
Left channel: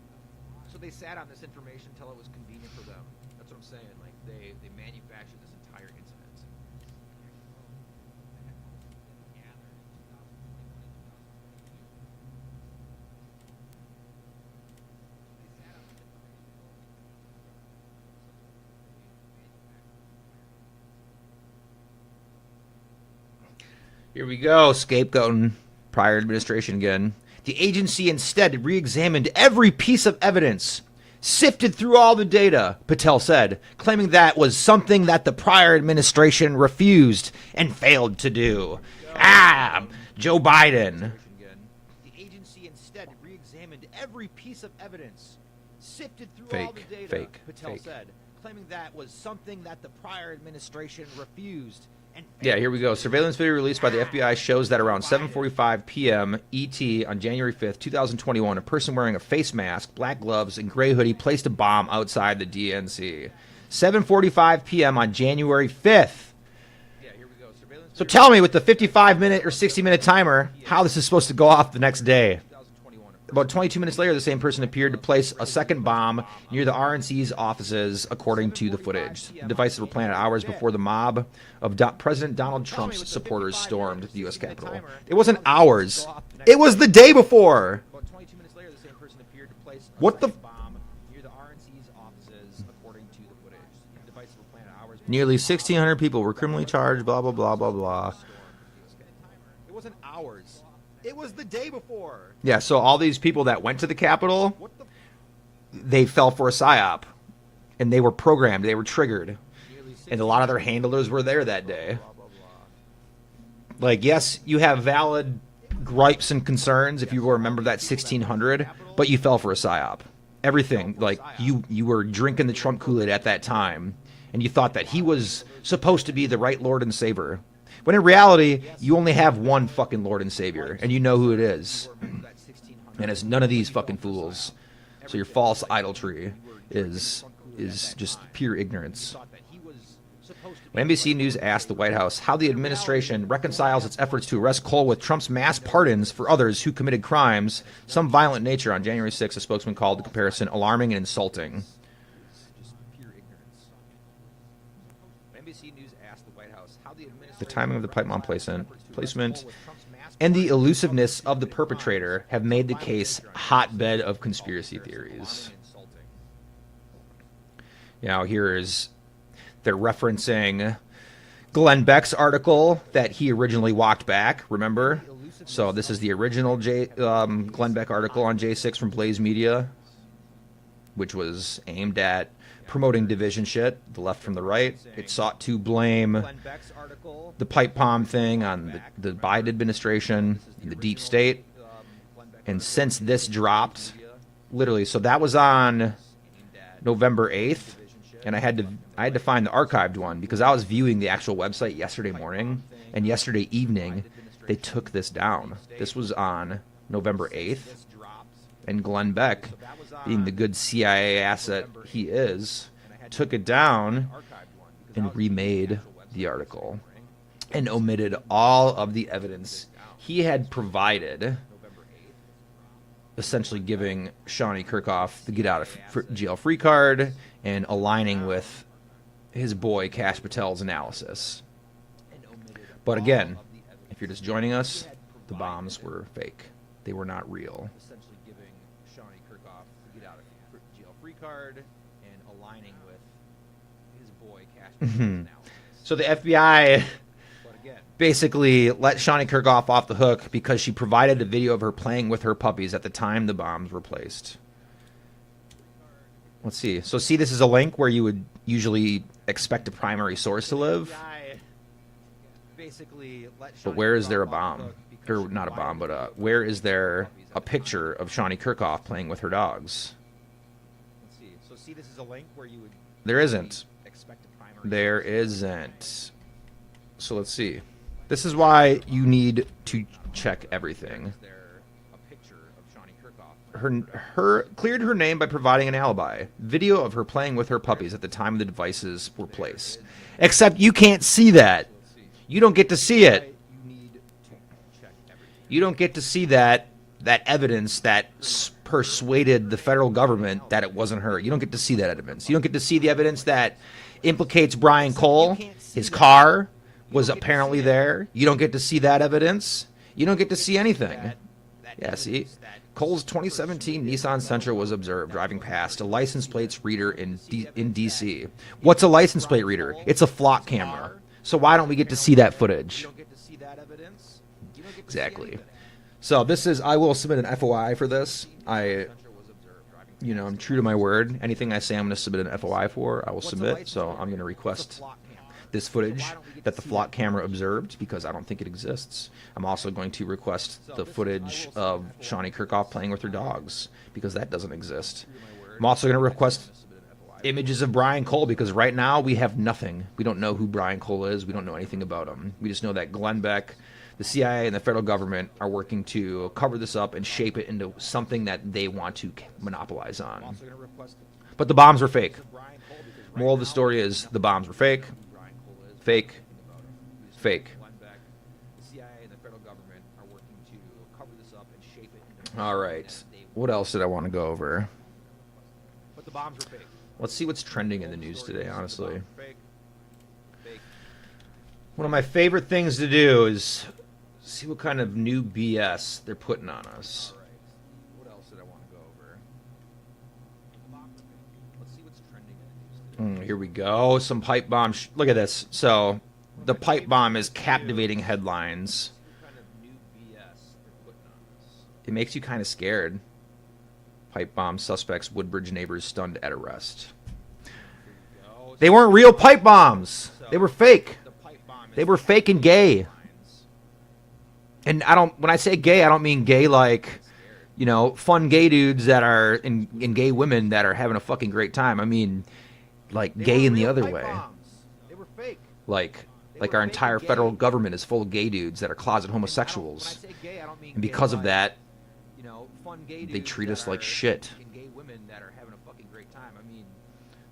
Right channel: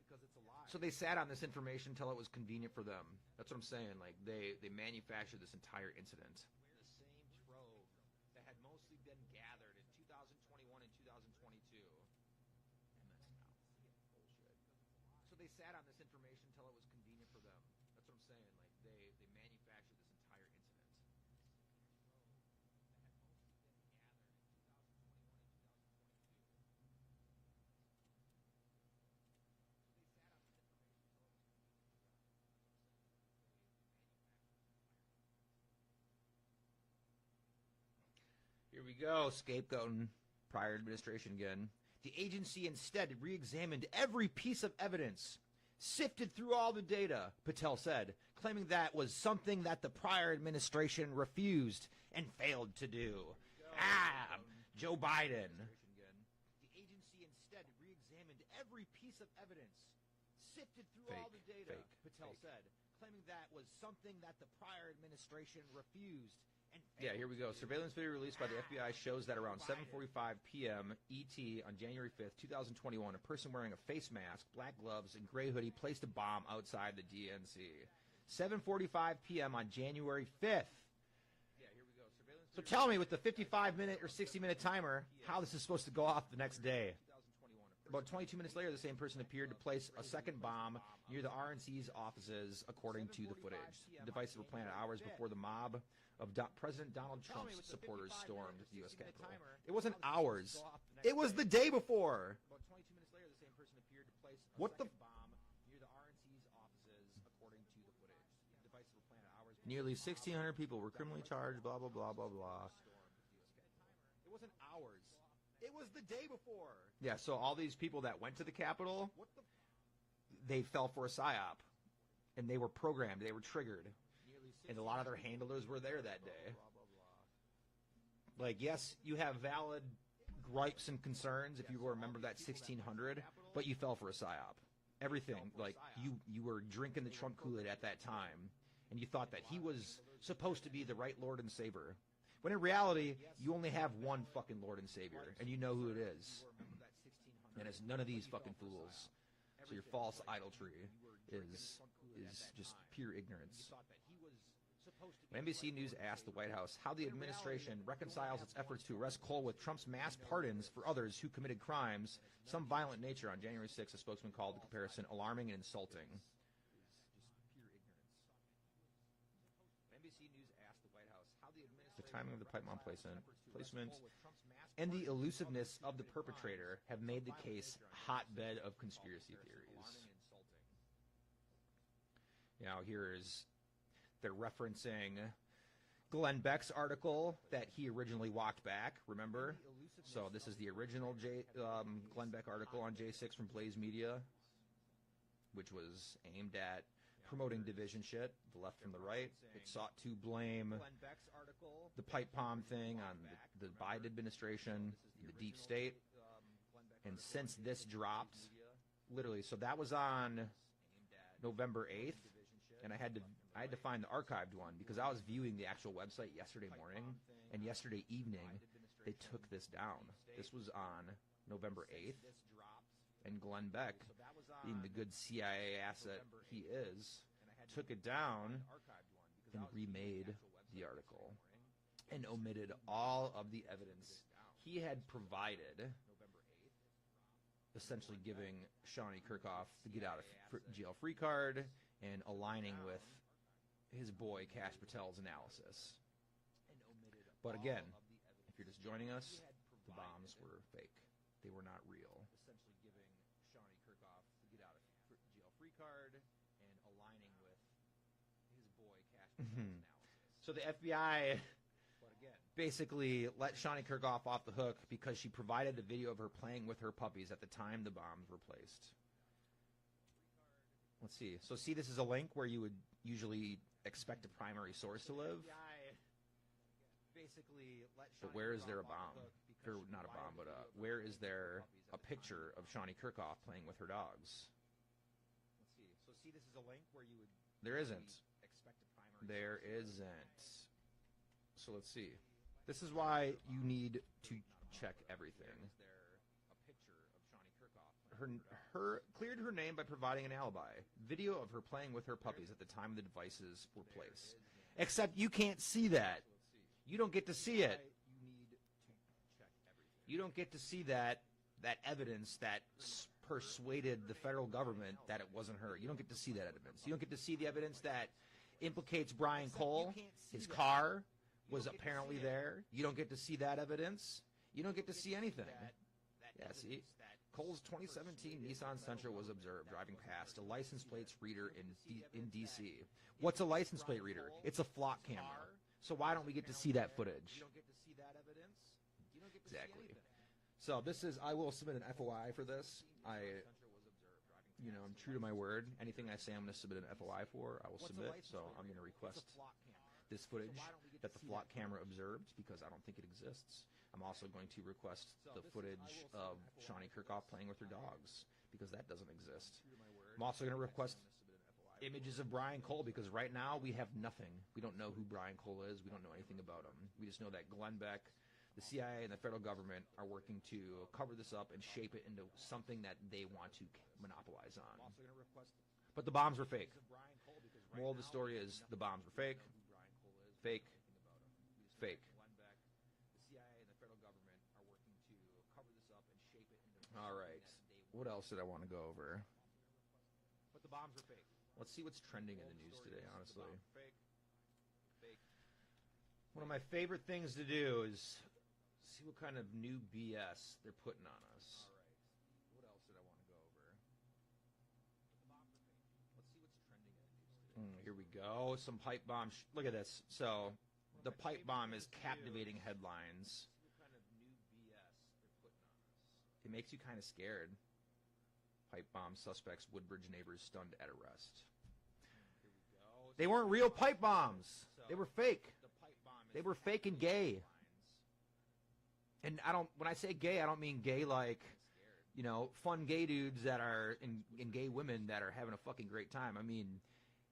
So they sat on this information until it was convenient for them. That's what I'm saying. Like they manufactured this entire incident. Here we go, scapegoating prior administration again. The agency instead re-examined every piece of evidence, sifted through all the data, Patel said, claiming that was something that the prior administration refused and failed to do. Joe Biden. The agency instead re-examined every piece of evidence, sifted through Fake, all the data, fake, Patel fake. said, claiming that was something that the prior administration refused. Yeah, here we go. Surveillance video released by the FBI shows that around 7:45 p.m. ET on January 5th, 2021, a person wearing a face mask, black gloves, and gray hoodie placed a bomb outside the DNC. 7:45 p.m. on January 5th. Yeah, here we go. Surveillance So tell me, with the 55-minute or 60-minute timer, how this is supposed to go off the next day. 2021. About 22 minutes later, the same person appeared to place a second bomb near the RNC's offices, according to the footage. The devices were planted hours before the mob of President Donald Trump's supporters stormed the U.S. Capitol. It wasn't hours. It was the day before. About 22 minutes later, the same person appeared to place a What the second bomb near the RNC's offices, according to the footage. The devices were planted hours before Nearly the mob 1,600 people were criminally charged, blah, blah, blah, blah, blah. It wasn't hours. It was the day before. Yeah, so all these people that went to the Capitol, What the? they fell for a psyop. And they were programmed. They were triggered. And a lot of their handlers were there that day. Like, yes, you have valid gripes and concerns if you were a member of that 1,600, but you fell for a psyop. Everything, like, you were drinking the Trump Kool-Aid at that time, and you thought that he was supposed to be the right Lord and Savior. When in reality, you only have one fucking Lord and Savior, and you know who it is. And it's none of these fucking fools. So your false idolatry is just pure ignorance. When NBC News asked the White House how the administration reconciles its efforts to arrest Cole with Trump's mass pardons for others who committed crimes, some violent nature, on January 6th, a spokesman called the comparison alarming and insulting. NBC News asked the White House how the The timing of the pipe bomb placement, and the elusiveness of the perpetrator have made the case a hotbed of conspiracy theories. Now they're referencing Glenn Beck's article that he originally walked back, remember? So this is the original Glenn Beck article on J6 from Blaze Media, which was aimed at promoting division shit, the left from the right. It sought to blame the pipe bomb thing on the Biden administration, the deep state. And since this dropped, literally, so that was on November 8th, and I had to find the archived one because I was viewing the actual website yesterday morning, and yesterday evening they took this down. This was on November 8th. And Glenn Beck, being the good CIA asset he is, took it down and remade the article and omitted all of the evidence he had provided, essentially giving Shawnee Kirkhoff the get out of jail free card and aligning with his boy Kash Patel's analysis. But again, if you're just joining us, the bombs were fake. They were not real. Essentially giving Shawnee Kirkhoff the get out of jail free card and aligning with his boy Kash Patel's analysis. So the FBI basically let Shawnee Kirkhoff off the hook because she provided a video of her playing with her puppies at the time the bombs were placed. Let's see. So see, this is a link where you would usually expect a primary source to live. basically let But Shawnee where is Kirkhoff there a off the bomb? hook because Or she not a provided bomb, the but video of her where playing is with her there puppies at a the time picture of of the Shawnee video. Kirkhoff playing with her dogs? Let's see. So see, this is a link where you would There usually isn't. expect a primary There source. isn't. So let's see. This is why you need to check everything. Where is there a picture of Shawnee Kirkhoff playing Her, with her dogs? her cleared her name by providing an alibi. Video of her playing with her puppies at the time the devices were There placed. isn't. Except you can't see that. So let's see. You don't get to see Why it. You need to check everything. You don't get to see that evidence that persuaded the federal government that it wasn't her. You don't get to see that evidence. You don't get to see the evidence that implicates Brian Except you Cole. can't see His that. car You was don't get to apparently see it. there. You don't get to see that evidence. You don't get to see anything. That Yeah, see, evidence that Cole's 2017 persuaded the Nissan federal Sentra was government observed that driving wasn't past her. a You don't license get to see plates that. reader You don't in get to see the in evidence DC. that What's a implicates license plate Brian reader? Cole, It's a flock his camera. car So why was don't we get to apparently see that there. footage? You don't get to see that evidence. You don't get to see Exactly. anything. So this is, I will submit an FOI for this. I'm true to my word. Anything I say I'm going to submit an FOI for, I will submit. So I'm going to request this footage that the flock camera observed because I don't think it exists. I'm also going to request the footage of Shawnee Kirkhoff playing with her dogs because that doesn't exist. I'm also going to request images of Brian Cole because right now we have nothing. We don't know who Brian Cole is. We don't know anything about him. We just know that Glenn Beck, the CIA, and the federal government are working to cover this up and shape it into something that they want to monopolize on. But the bombs were fake. Moral of the story is the bombs were fake. Fake. Fake. All right. What else did I want to go over? But the bombs were fake. Let's see what's trending in the news today, honestly. Fake. Fake. One of my favorite things to do is see what kind of new BS they're putting on us. All right. What else did I want to go over? But the bombs were fake. Let's see what's trending in the news today. Here we go. Some pipe bomb. Look at this. So the pipe bomb is captivating headlines. See what kind of new BS they're putting on us. It makes you kind of scared. Pipe bomb suspects, Woodbridge neighbors stunned at arrest. Here we go. They weren't real pipe bombs. They were fake. The pipe bomb is They were fake and gay. headlines. And when I say gay, I don't mean gay like, Scared. you know, fun gay dudes that are in gay women that are having a fucking great time. I mean, like They gay weren't in the real other pipe way. bombs. They were fake. Like They our were fake entire and federal gay. government is full of gay dudes that are closet And homosexuals. when I say gay, I don't mean And gay because of like, that, you know, fun gay they dudes treat that us like are shit. in gay women that are having a fucking great time. I mean,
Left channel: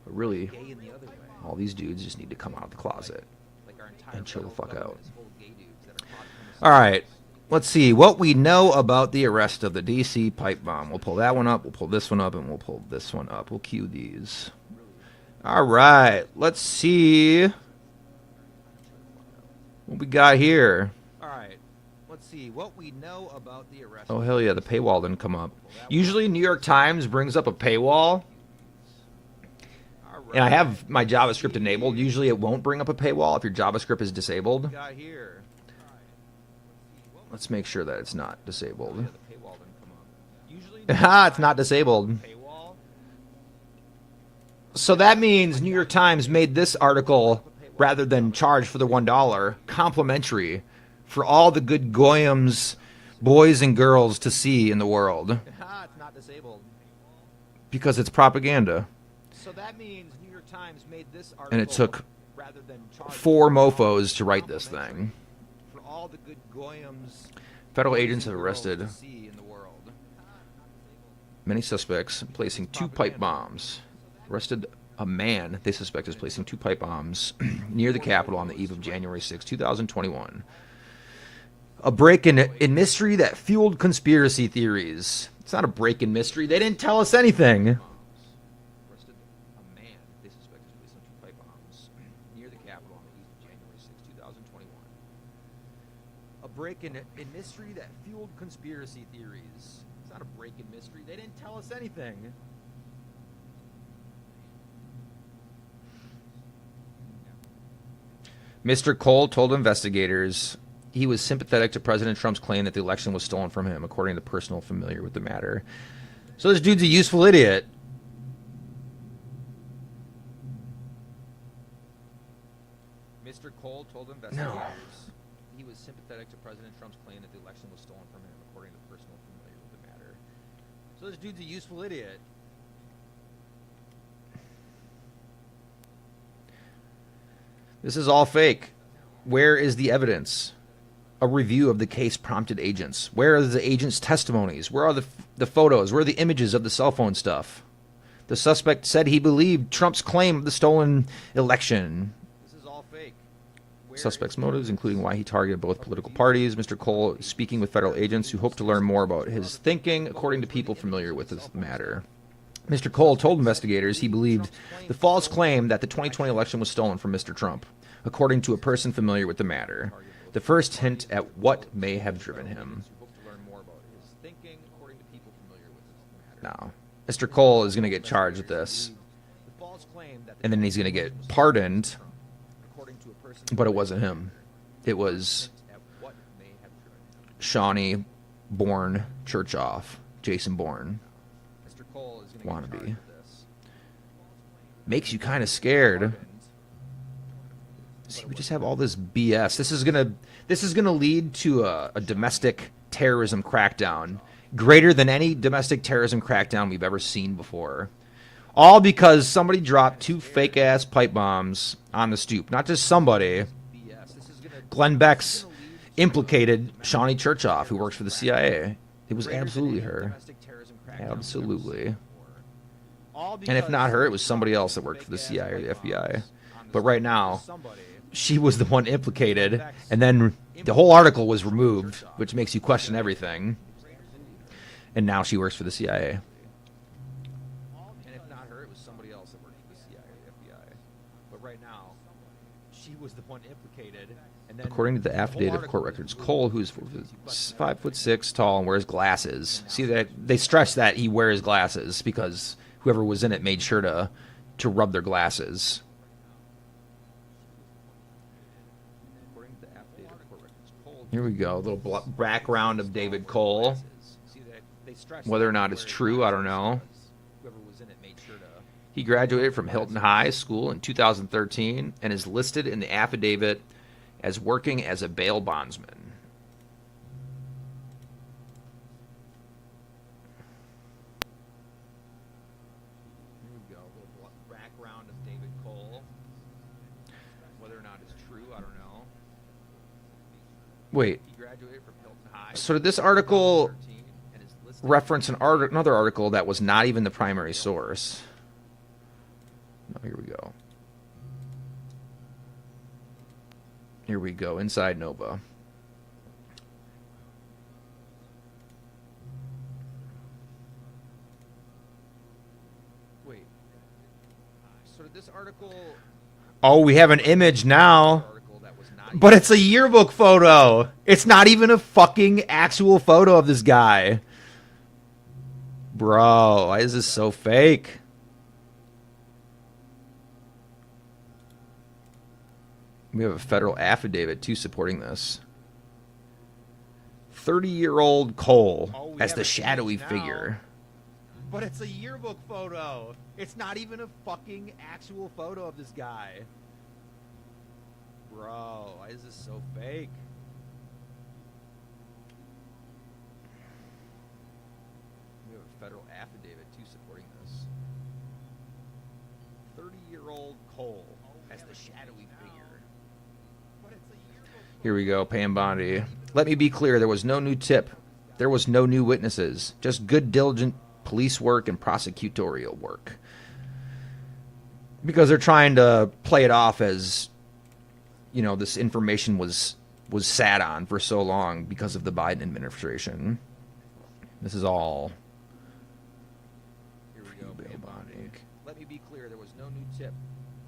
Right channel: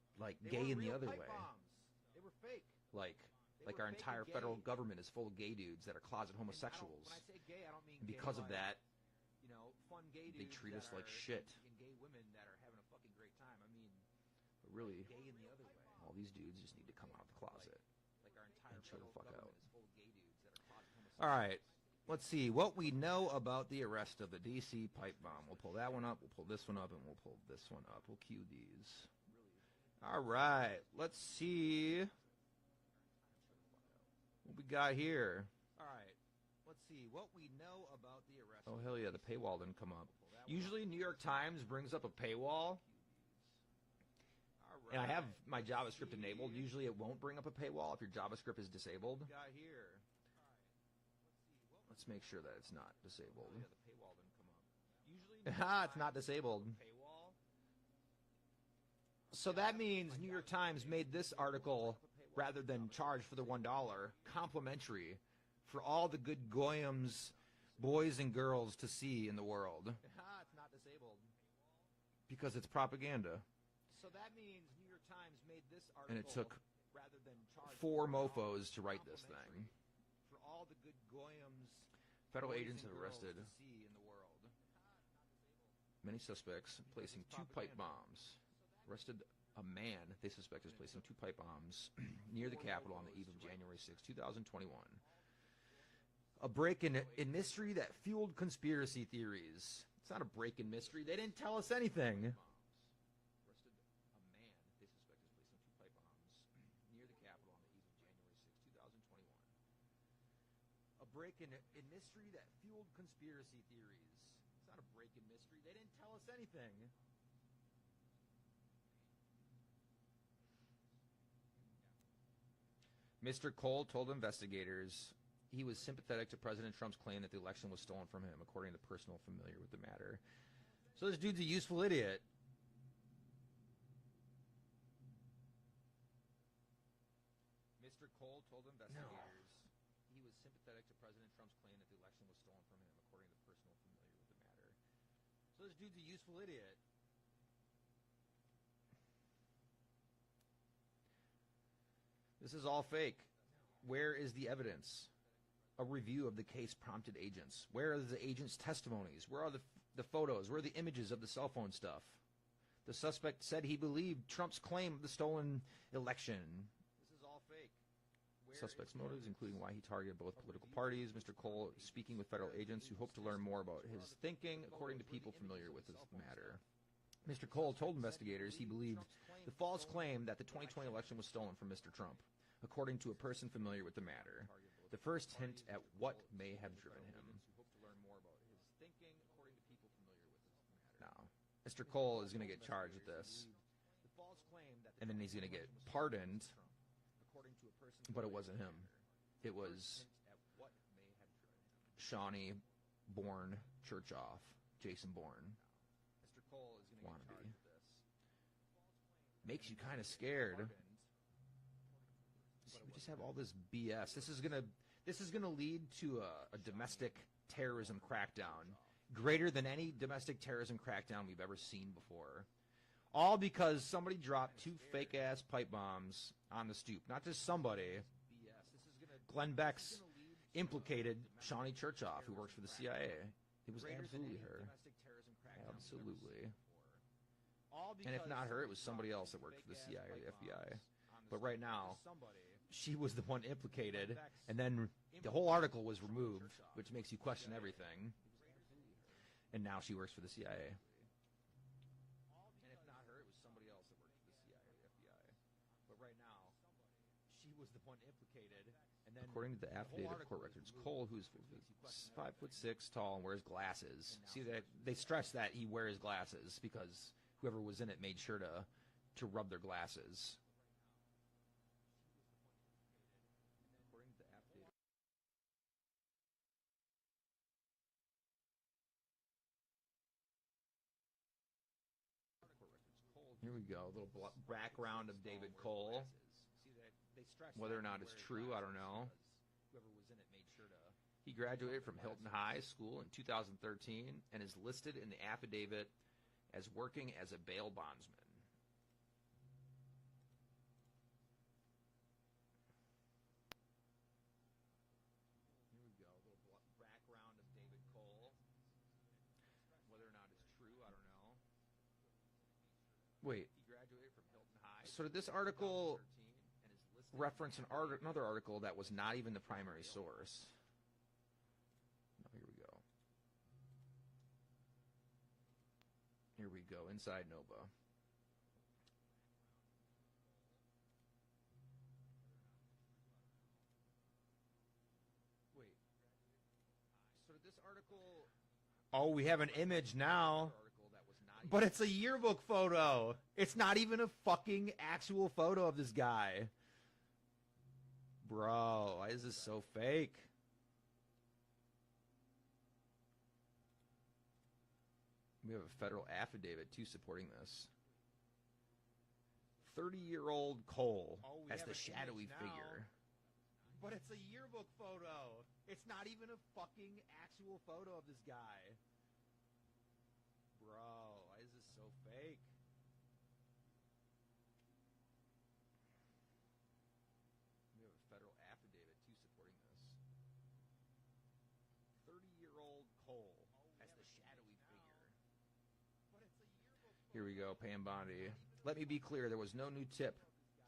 really, gay in the other way. all these dudes just need to come out of the closet. Like our entire And chill the federal fuck government out. is full of gay dudes that are closet homosexuals. All right. Let's see what we know about the arrest of the DC pipe bomb. We'll pull that one up, we'll pull this one up, and we'll pull this one up. We'll cue these. All right. Let's see what we got here. All right. Let's see what we know about the arrest. Oh, of hell yeah, the paywall didn't come up. Usually New York Times brings up a paywall, All right. and I have my Let's JavaScript see enabled. Usually it won't bring up a paywall if your JavaScript is disabled. what we got here. All right. Let's see what Let's make sure that it's not Oh, disabled. yeah, the paywall didn't come up. Usually, Ah, it's not disabled. Paywall. So that means New York Times made this article, rather than charge for the $1, complimentary for all the good goyams, boys and girls to see in the world, Ah, it's not disabled. because it's propaganda. So that means New York Times made this article. And it took rather than charge 4 $1 mofos to write this complimentary thing. for all the good goyams. Federal boys agents and have girls arrested to see in the world. many suspects placing it's 2 pipe propaganda. bombs. Arrested a man they suspect is placing 2 pipe bombs near the Capitol on the eve of January 6, 2021. A break in mystery that fueled conspiracy theories. It's not a break in mystery. They didn't tell us anything. Arrested a man they suspect is placing 2 pipe bombs near the Capitol on the eve of January 6, 2021. A break in mystery that fueled conspiracy theories. It's not a break in mystery. They didn't tell us anything. Mr. Cole told investigators he was sympathetic to President Trump's claim that the election was stolen from him, according to the personal familiar with the matter. So this dude's a useful idiot. Mr. Cole told investigators he was sympathetic to President Trump's claim that the election was stolen from him, according to the person familiar with the matter. So this dude's a useful idiot. This is all fake. Where is the evidence? A review of the case prompted agents. Where are the agents' testimonies? Where are the photos? Where are the images of the cell phone stuff? The suspect said he believed Trump's claim of the stolen election. This is all fake. Suspect's motives, including why he targeted both political parties. Mr. Cole speaking with federal agents who hope to learn more about his thinking, according to people familiar with this matter. Mr. Cole told investigators he believed the false claim that the 2020 election was stolen from Mr. Trump, according to a person familiar with the matter. The first hint at what may have driven him. Now, Mr. Cole is going to get charged with this, and then he's going to get pardoned, but it wasn't him. It was Shawnee Bourne Churchoff, Jason Bourne. Mr. Cole is going to get charged with this. Makes you kind of scared. See, we just have all this BS. This is gonna lead to a domestic terrorism crackdown, greater than any domestic terrorism crackdown we've ever seen before. All because somebody dropped 2 fake ass pipe bombs on the stoop. Not just somebody. Glenn Beck's implicated Shawnee Churchoff, who works for the CIA. It was absolutely her. Absolutely. And if not her, it was somebody else that worked for the CIA or the FBI. But right now, she was the one implicated, and then the whole article was removed, which makes you question everything. And now she works for the CIA. And if not her, it was somebody else that worked for the CIA or the FBI. But right now, she was the one implicated, and then according to the affidavit of court records, Cole, who's 5'6" tall and wears glasses. See, that they stress that he wears glasses because whoever was in it made sure to rub their glasses. Here we go. A little background of David Cole. Whether or not it's true, I don't know. He graduated from Hilton High School in 2013 and is listed in the affidavit as working as a bail bondsman. Here we go. A little background of David Cole. Whether or not it's true, I don't know. Wait. He graduated from Hilton High. So did this article reference another article that was not even the primary source? No, here we go. Here we go. Inside Nova. Wait. So did this article... Oh, we have an image now. But it's a yearbook photo. It's not even a fucking actual photo of this guy. Bro, why is this so fake? We have a federal affidavit, too, supporting this. 30-year-old Cole as the shadowy figure. But it's a yearbook photo. It's not even a fucking actual photo of this guy. Bro, why is this so fake? We have a federal affidavit, too, supporting this. 30-year-old Cole as the shadowy figure. Here we go, Pam Bondi. Let me be clear, there was no new tip. There was no new witnesses. Just good, diligent police work and prosecutorial work. Because they're trying to play it off as, you know, this information was sat on for so long because of the Biden administration. This is all... Here we go, Pam Bondi. Let me be clear, there was no new tip.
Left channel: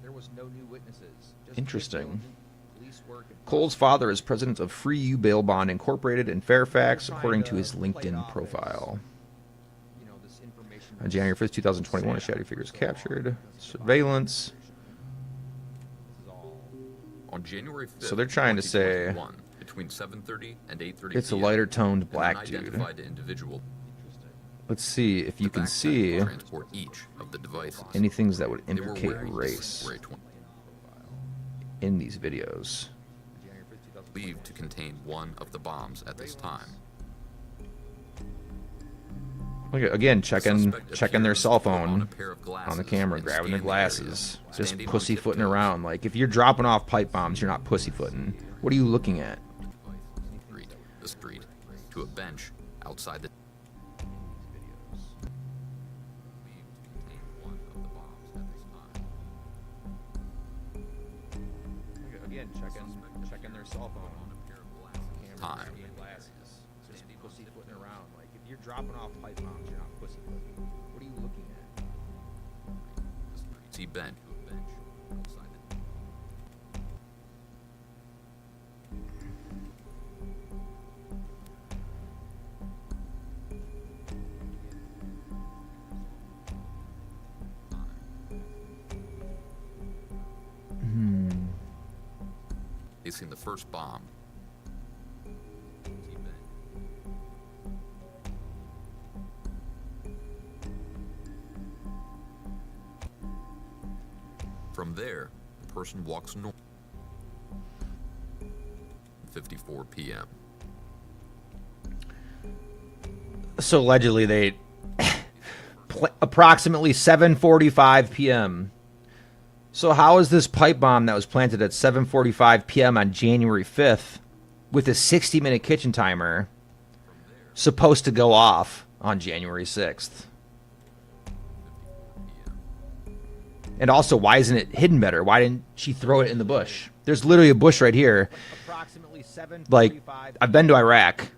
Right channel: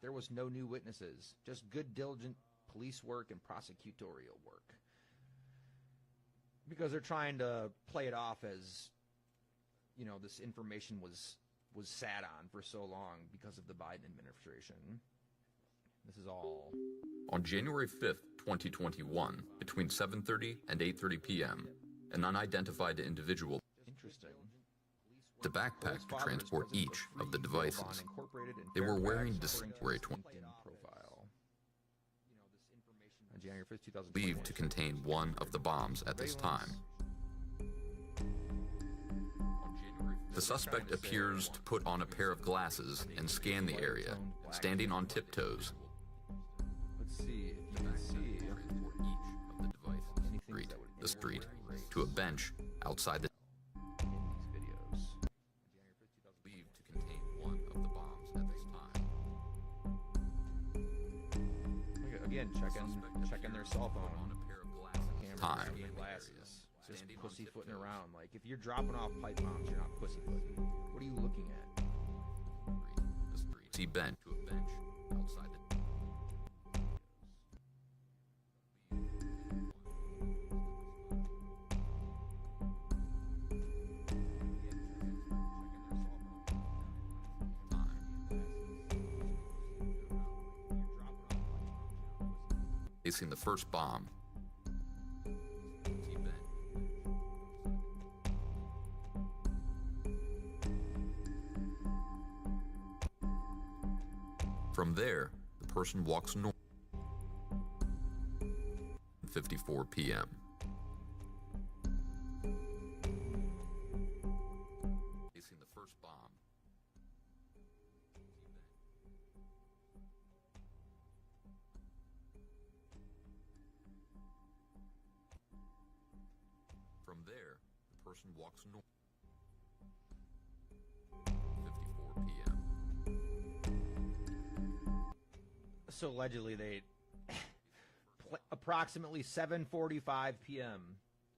There was no new witnesses. Just interesting. Good, diligent police work and Cole's father is president of Free You Bail Bond Incorporated in Fairfax, according to his LinkedIn profile. As, you know, this information on January 5th, 2021, a shadowy figure is captured. Surveillance. On January 5th, so they're trying to say between 7:30 and 8:30 it's a lighter toned black an unidentified individual. Let's see if you can see transport each of the devices. any things that would indicate race. in these videos. On January 5th, 2021. Believed to contain one of the bombs at this time. Look at, again, checking their appears cell to put phone on a pair of glasses on the camera, and grabbing the scan the area, glasses, just standing on pussyfooting tiptoes. around. Like, if you're dropping off pipe bombs, you're not pussyfooting. What are you looking at? The street, to a bench outside the. In these videos. Believed to contain one of the bombs at this time. Look at, again, checking their cell phone On a pair of glasses. camera, Time. grabbing the glasses, just pussyfooting around. Like, if you're dropping off pipe bombs, you're not pussyfooting. What are you looking at? The street. See bench to a bench outside the. Facing the first bomb. See bench. From there, the person walks north. 54 p.m. So allegedly they approximately 7:45 p.m. So how is this pipe bomb that was planted at 7:45 p.m. on January 5th with a 60-minute kitchen timer From there, supposed to go off on January 6th? 54 p.m. And also, why isn't it hidden better? Why didn't she throw it in the bush? There's literally a bush right here. Approximately 7:45. Like, I've been to Iraq,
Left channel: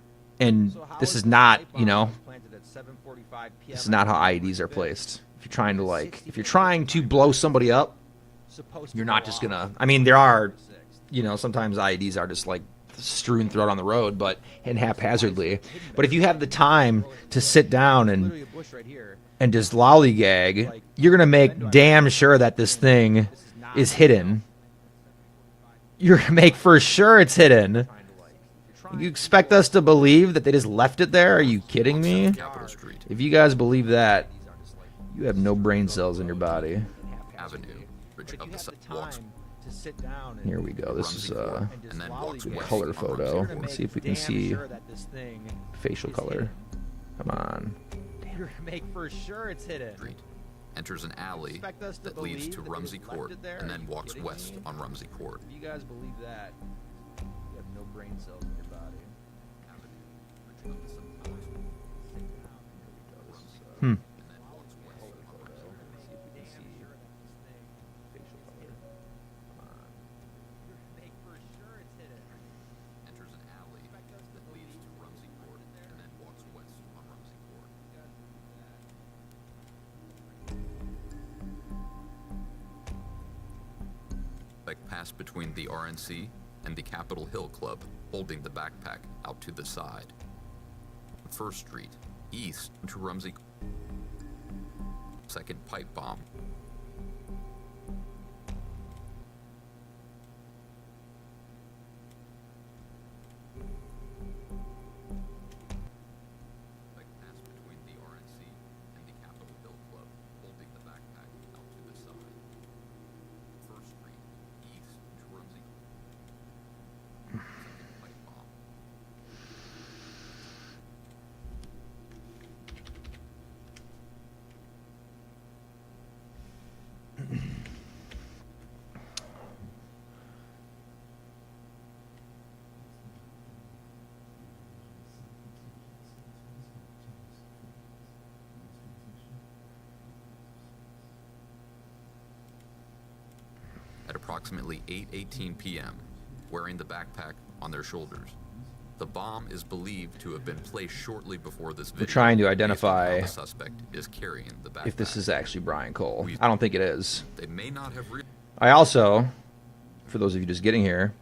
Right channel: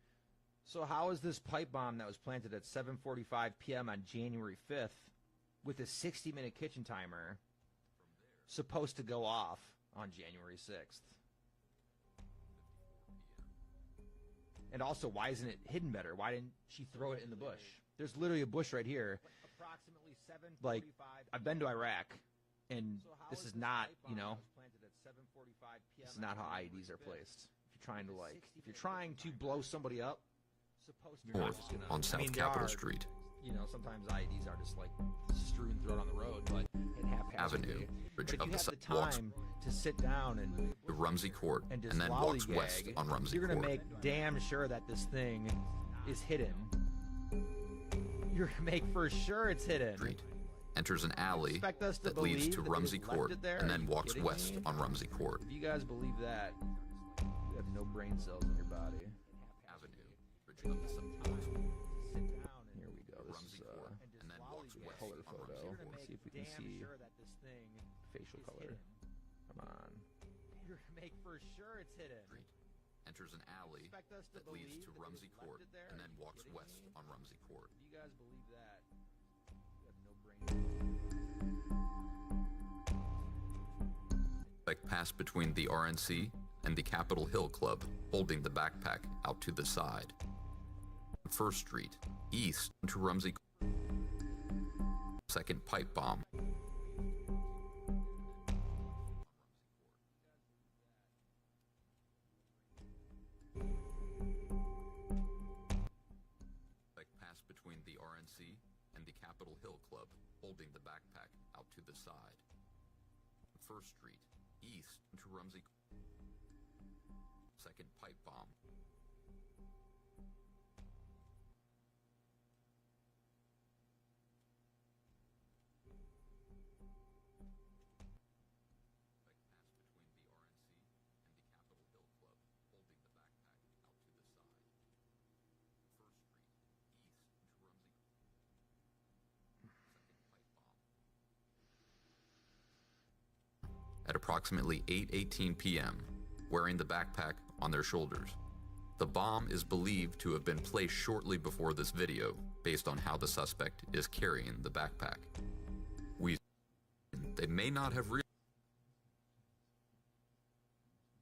and So how this is this not, pipe you bomb know, that was planted at 7:45 p.m. this is not how on January IEDs are 5th placed. If you're trying to, with a like, if you're 60-minute trying kitchen to timer blow somebody up, supposed to you're go not just off gonna. I mean, there are, on January 6th. you know, sometimes IEDs are just like strewn throughout on the road, but and haphazardly. hidden But if better? you have the time Throw it in the to bush. sit down There's and literally a bush right here. just lollygag, Like, you're gonna I've make been to damn Iraq, sure that this and thing this is not, is you hidden. know, You're gonna make for sure it's hidden. trying to, like, if you're trying You to expect blow us to somebody up, believe that they just left it there? Are you kidding On me? South Capitol Street, If you guys believe that, IEDs are just, like, you have no brain cells in your body. and haphazardly. Avenue, But Bridge if of you the have Sun the walks time to sit down and Here we go. This Rumsey is Court, and just and then walks lollygag. west color on photo. Rumsey You're gonna Court. Let's see if we can damn see sure that this thing facial is color. hidden. Come on. You're gonna make for sure it's hidden. Street, enters an alley Expect us to that leads believe to that they Rumsey just left Court, it there? and Are then you walks kidding west me? on Rumsey Court. If you guys believe that, you have no brain cells in your body. Avenue, Bridge of the Sun walks Sit down and Here we go. This is Rumsey Court, hmm. and then walks west color on photo. Rumsey Court. Let's see if we can damn see sure that this thing facial is color. hidden. Come on. You're gonna make for sure it's hidden. Enters an alley Expect us to that leads believe to that they Rumsey just Court, left it there? and then walks west on Rumsey Court. You guys believe that? Suspect passed between the RNC and the Capitol Hill Club, holding the backpack out to the side. First Street, east to Rumsey. Second pipe bomb. Suspect passed between the RNC and the Capitol Hill Club, holding the backpack out to the side. First Street, east to Rumsey. Second pipe bomb. At approximately 8:18 p.m., wearing the backpack on their shoulders. The bomb is believed to have been placed shortly before this video. trying to based on identify how the suspect is carrying the backpack. If this is actually Brian Cole. We- I don't think it is. They may not have I also, for those of you just getting here,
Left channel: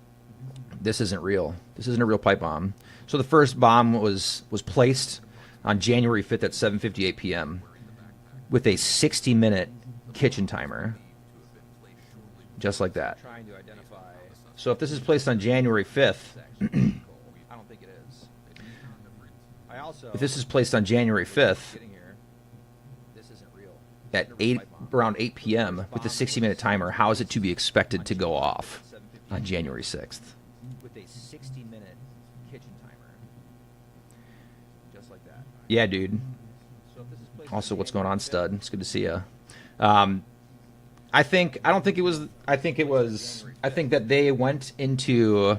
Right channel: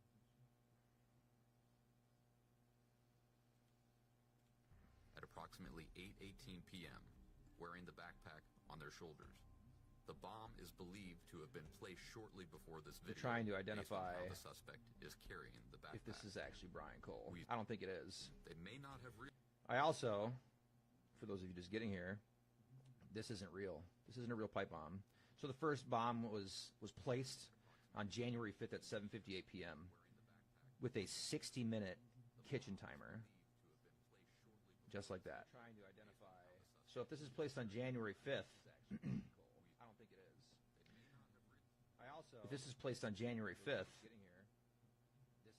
this isn't real. This isn't a real pipe bomb. So the first bomb was placed on January 5th at 7:58 p.m. with a 60-minute kitchen timer, just like that. Trying to identify. So if this is placed on January 5th, I don't think it is. I also. if this is placed on January 5th, Getting here. This isn't real. at around 8 p.m. with a 60-minute timer, how is it to be expected to go off on January 6th? With a 60-minute kitchen timer, just like that. Yeah, dude. So if this is placed Also, on what's going on, January stud? It's good to see you. I think that they went into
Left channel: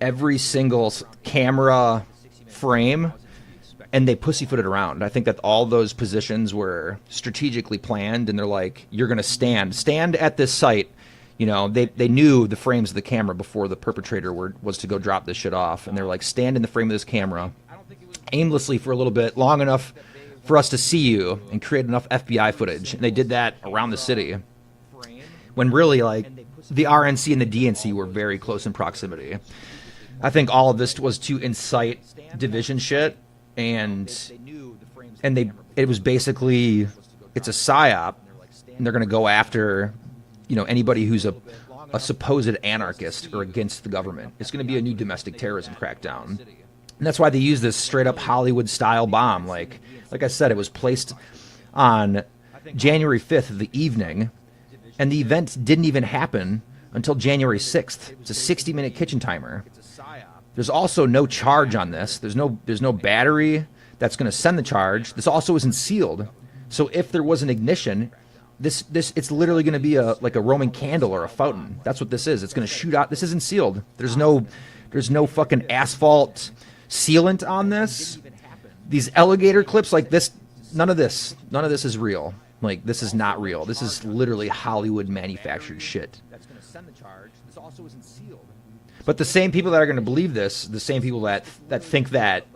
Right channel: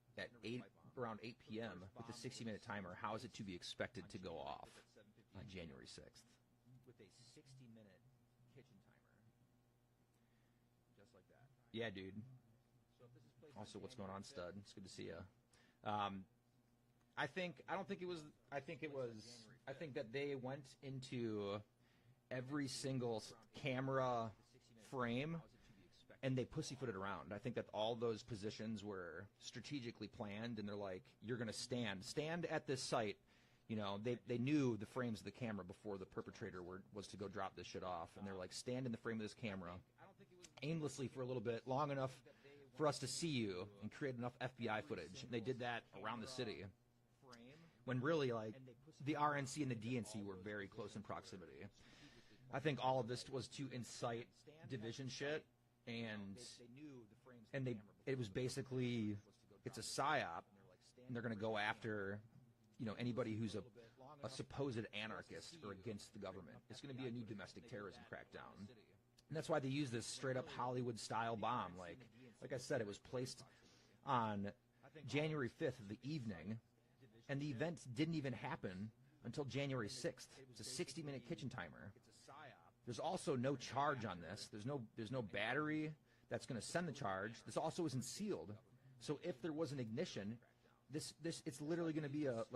every single camera frame and they pussyfooted around. I think that all those positions were strategically planned, and they're like, you're going to stand at this site. You know, they knew the frames of the camera before the perpetrator was to go drop this shit off, and they're like, stand in the frame of this camera aimlessly for a little bit, long enough for us to see you, and create enough FBI footage. And they did that around the city, when really, like, the RNC and the DNC were very close in proximity. I think all of this was to incite division shit, and it was basically, it's a psyop, and they're going to go after, you know, anybody who's a supposed anarchist or against the government. It's going to be a new domestic terrorism crackdown. And that's why they use this straight up Hollywood style bomb. Like I said, it was placed on January 5th of the evening, and the event didn't even happen until January 6th. It's a 60-minute kitchen timer. There's also no charge on this. There's no battery that's going to send the charge. This also isn't sealed. So if there was an ignition, this it's literally going to be like a Roman candle or a fountain. That's what this is. It's going to shoot out. This isn't sealed. There's no fucking asphalt sealant on this. These alligator clips like this, none of this is real. Like, this is not real. This is literally Hollywood manufactured shit. That's going to send the charge. This also isn't sealed. But the same people that are going to believe this, the same people that think that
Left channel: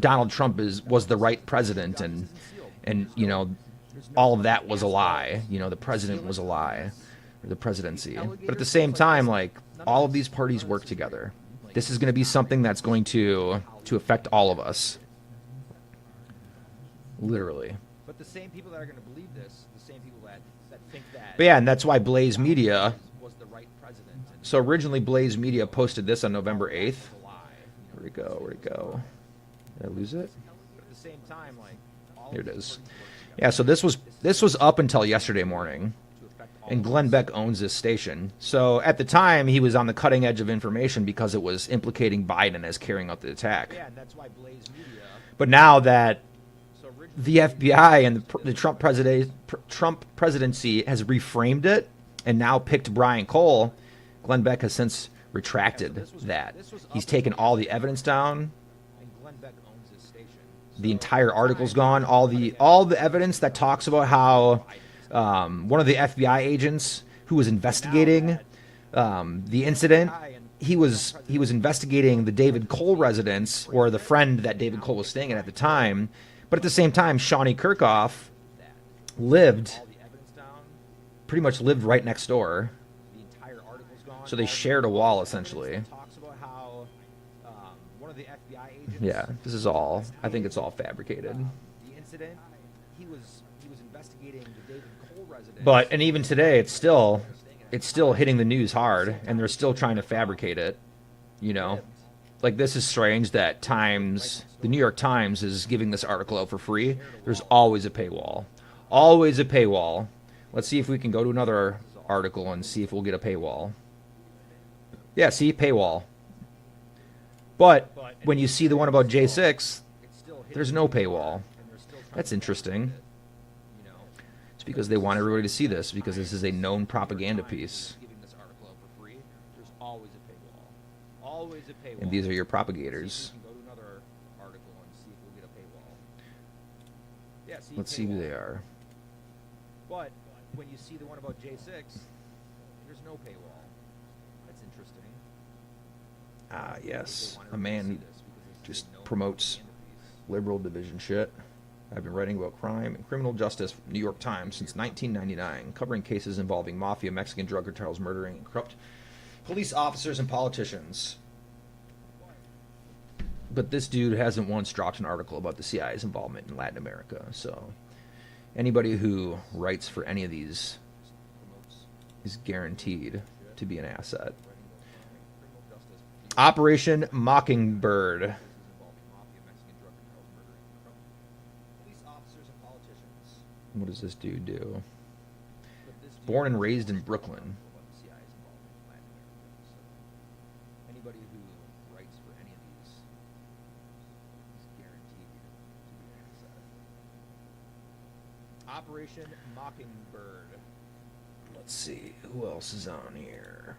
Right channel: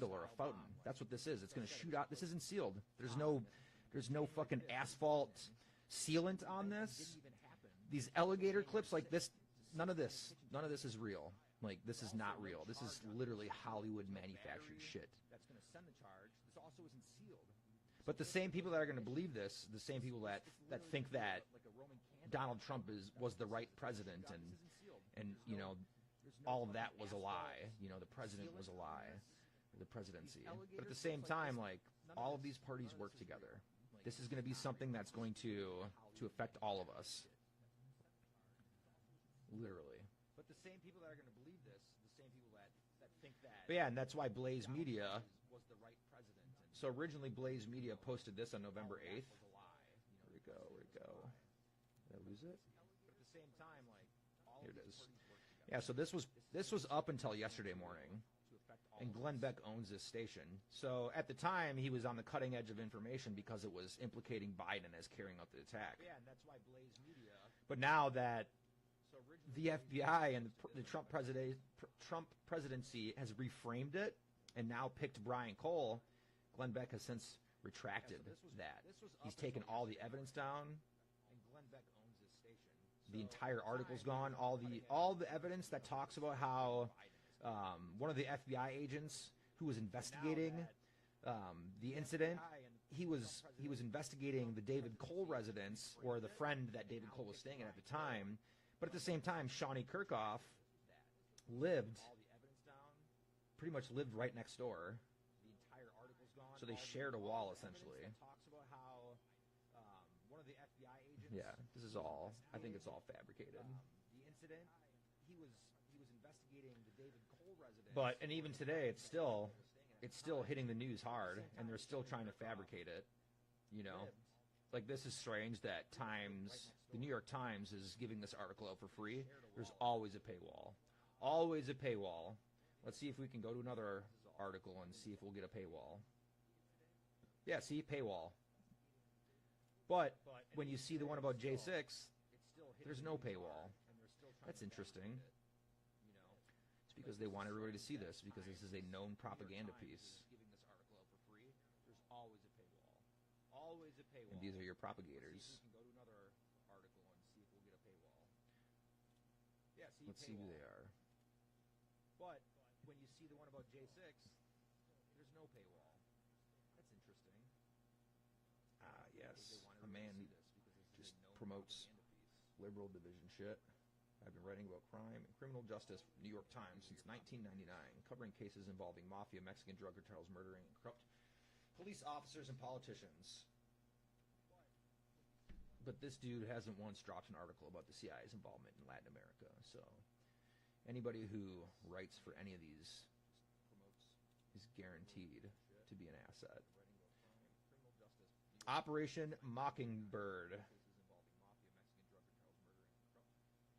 Donald Trump was the right president, and you know, all of that was a lie. You know, the president was a lie, the presidency. But at the same time, like, all of these parties work together. This is going to be something that's going to affect all of us. Literally. But the same people that are going to believe this, the same people that think that. But yeah, and that's why Blaze Media was the right president. So originally, Blaze Media posted this on November 8th. Where'd it go? Where'd it go? Did I lose it? But at the same time, like, here it is. Yeah, so this was up until yesterday morning, and Glenn Beck owns this station. So at the time, he was on the cutting edge of information because it was implicating Biden as carrying out the attack. Yeah, and that's why Blaze Media. But now that the FBI and the Trump presidency has reframed it and now picked Brian Cole, Glenn Beck has since retracted that. He's taken all the evidence down. And Glenn Beck owns this station. The entire article's gone. All the evidence that talks about how one of the FBI agents who was investigating the incident, he was investigating the David Cole residence, or the friend that David Cole was staying at the time. But at the same time, Shawnee Kirkhoff pretty much lived right next door. So they shared a wall, essentially. Yeah, this is all, I think it's all fabricated. The incident, he was investigating the David Cole residence. But, and even today, it's still hitting the news hard, and they're still trying to fabricate it, you know? Like, this is strange that the New York Times is giving this article out for free. There's always a paywall. Always a paywall. Let's see if we can go to another article and see if we'll get a paywall. Yeah, see, paywall. But when you see the one about J6, there's no paywall. That's interesting. It's because they want everybody to see this, because this is a known propaganda piece. There's always a paywall. Always a paywall. And these are your propagators. We can go to another article and see if we'll get a paywall. Yeah, see, let's see who they are. But when you see the one about J6, there's no paywall. That's interesting. Ah, yes. A man who just promotes liberal division shit. I've been writing about crime and criminal justice for the New York Times since 1999, covering cases involving mafia, Mexican drug cartels, murdering, and corrupt police officers and politicians. But this dude hasn't once dropped an article about the CIA's involvement in Latin America. So anybody who writes for any of these is guaranteed to be an asset. Operation Mockingbird. What does this dude do? But this dude Born and has a raised more in strong Brooklyn. article about the CIA's involvement in Latin America. So anybody who writes for any of these is guaranteed to be an asset. Operation Mockingbird. Let's see. Who else is on here?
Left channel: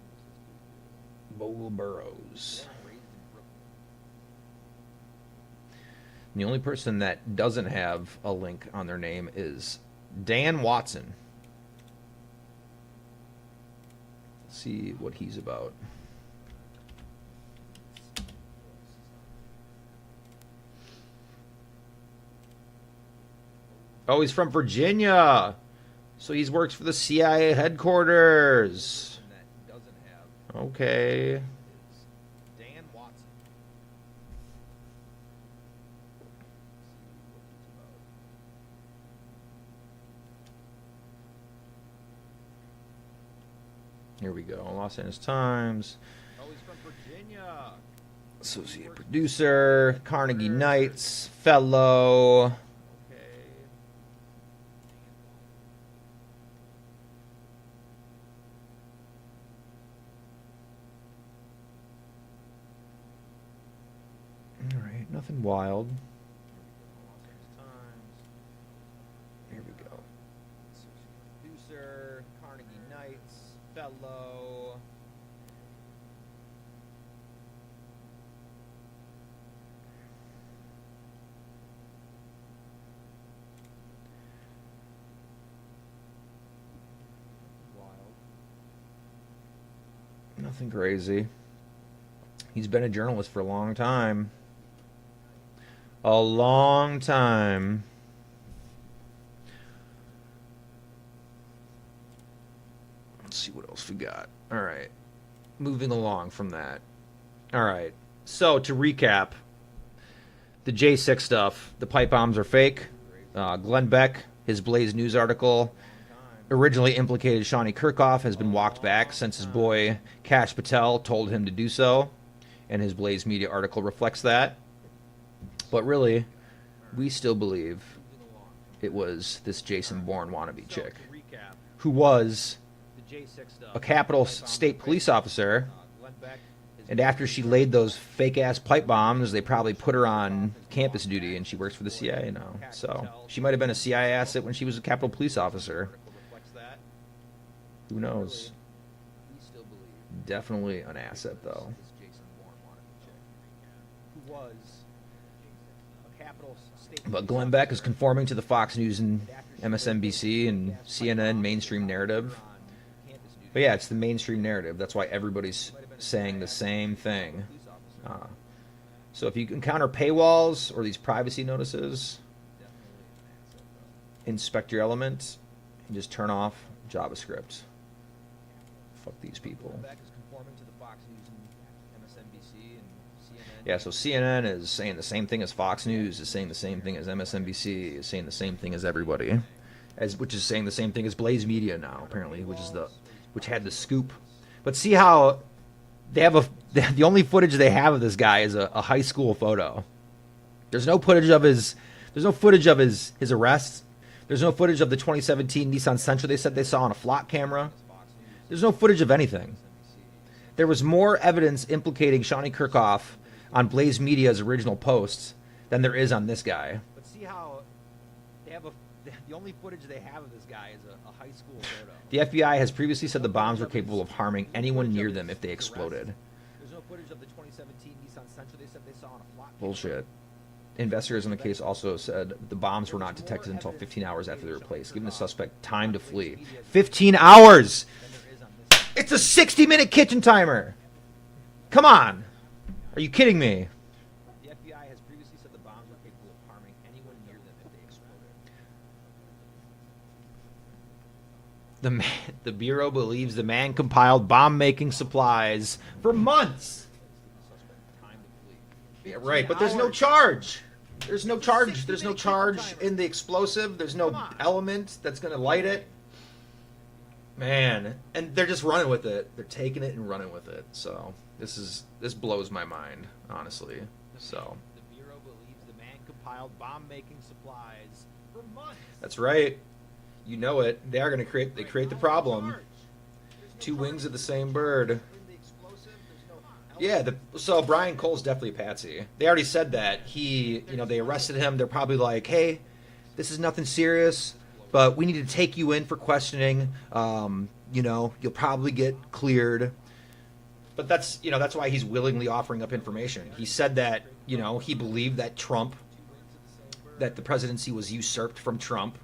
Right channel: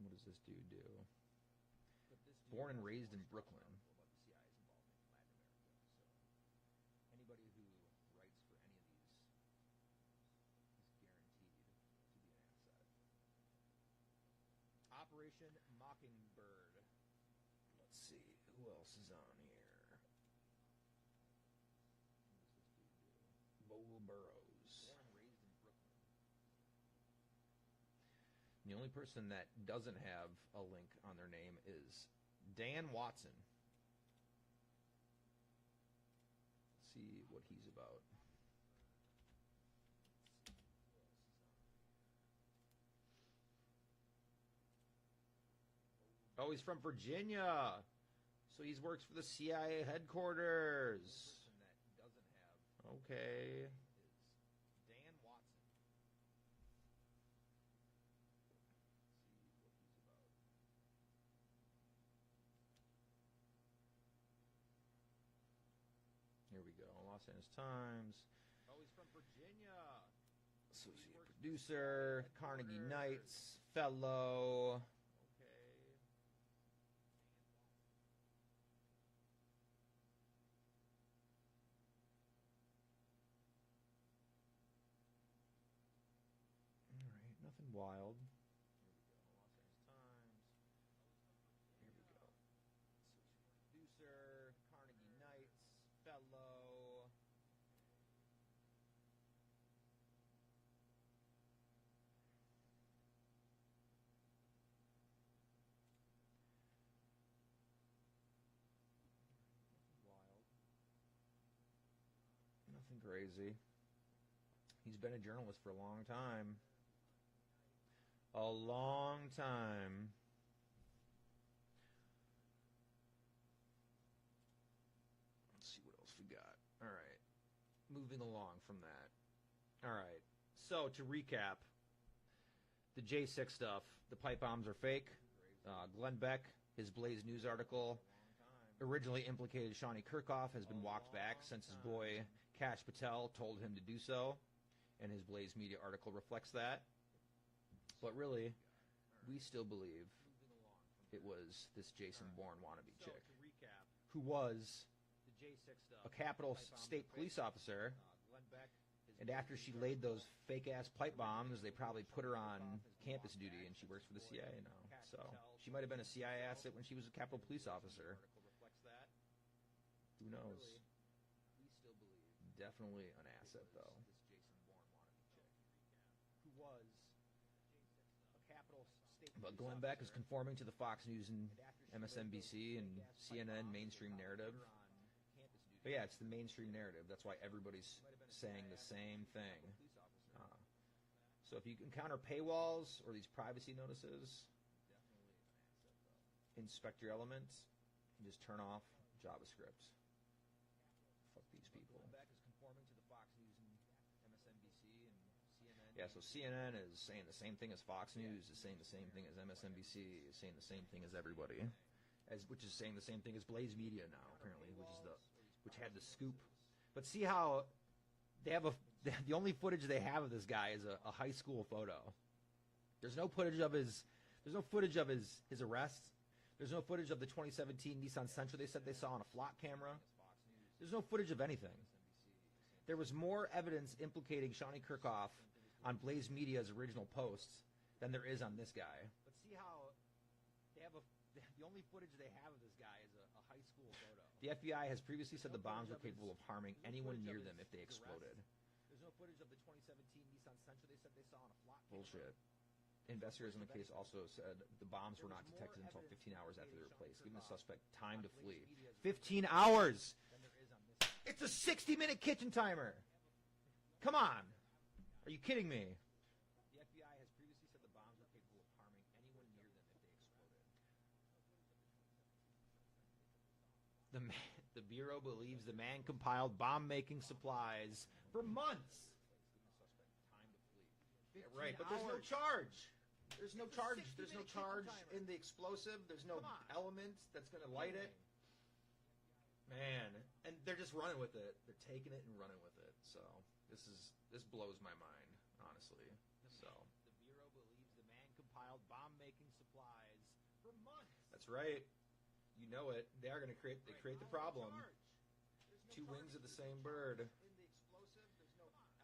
What does this dude do? Bogle Burrows. Born and raised in Brooklyn. The only person that doesn't have a link on their name is Dan Watson. Let's see what he's about. Let's see who else is on here. Oh, he's from Virginia. So he works for the CIA The headquarters. only person that doesn't have Okay. is Dan Watson. Let's see what he's about. Here we go. Los Angeles Times. Oh, he's from Virginia. Associate works for the producer, CIA Carnegie headquarters. Knights, fellow. Okay. All right, nothing wild. Here we go. Los Angeles Times. Here we go. Associate producer, Carnegie Knights, fellow. Nothing wild. Nothing crazy. He's been a journalist for a long time. A long time. Let's see what else we got. All right. Moving along from that. All right. So to recap, the J6 stuff, the pipe bombs are fake. Crazy. Glenn Beck, his Blaze News article, A long time. originally implicated Shawnee Kirkhoff, has been walked back long since his time. boy Kash Patel told him to do so, and his Blaze Media article reflects that. But really, we still believe Moving along from it that. was this Jason Bourne wannabe So chick to recap, who was the J6 stuff. a Capitol pipe bombs are State fake. police officer, Glenn Beck. his and after Blaze she News laid those article, fake-ass pipe bombs, they probably Shawnee put her Kirkhoff on has been campus walked duty, back and she since works for the his CIA boy now. Kash So Patel she might have been a told him to CIA do so, asset when she was a Capitol and his Police Blaze News officer. article reflects that. Who But knows? really, we still believe Definitely an it asset, was though. this Jason Bourne wannabe chick, who was a Capitol State But police Glenn Beck is officer, conforming to the Fox News and and after she laid MSNBC those and fake-ass pipe CNN bombs, mainstream they probably narrative. put her on campus duty. But yeah, it's the mainstream narrative. That's why everybody's She might have been a saying CIA the asset, same she was a Capitol thing. police officer. So if you encounter paywalls or these privacy notices, Definitely an asset, though. inspect your element and just turn off JavaScript. Fuck these But people. Glenn Beck is conforming to the Fox News and MSNBC and CNN. Yeah, so CNN is saying the same thing as Fox News, is saying the same thing as MSNBC, is saying the same thing as everybody, which is saying the same thing as Blaze Media now, apparently, which had the scoop. But see how they have the only footage they have of this guy is a high school photo. There's no footage of his arrest. There's no footage of the 2017 Nissan Sentra they said they saw on a flock camera. There's no footage of anything. There was more evidence implicating Shawnee Kirkhoff on Blaze Media's original posts than there is on this guy. But see how they have the only footage they have of this guy is a high school photo. The FBI has previously said the There's no bombs were footage of capable of his- harming there's no anyone footage of near his- them if they his arrest. exploded. There's no footage of the 2017 Nissan Sentra they said they saw on a flock camera. Bullshit. Investigators in the case also said the bombs were There not was more detected until evidence 15 hours after they were implicating placed, Shawnee giving the Kirkhoff suspect time on to Blaze flee. Media's 15 hours! Than there is on this. It's a 60-minute kitchen timer! Come on! Are you kidding me? The FBI has previously said the bombs were capable of harming anyone near them if they exploded. The Bureau believes the man compiled bomb-making supplies for months. Giving the suspect time to flee. Yeah, 15 right, but there's no hours. charge. There's no It's a charge. 60-minute There's no kitchen charge timer. in the explosive. There's no Come on. element that's going to light it. Man, and they're just running with it. They're taking it and running with it. So this blows my mind, honestly. So The Bureau believes the man-compiled bomb-making supplies for months. That's right. You know it. They are going to create. They create the problem. Two wings of the same bird. In the explosive, there's no Yeah. So Brian Cole's definitely a patsy. They already said that. They arrested him. They're probably like, hey, this is nothing serious, but we need to take you in for questioning. You'll probably get cleared. But that's why he's willingly offering up information. He said that, he believed that that the presidency was usurped from Trump.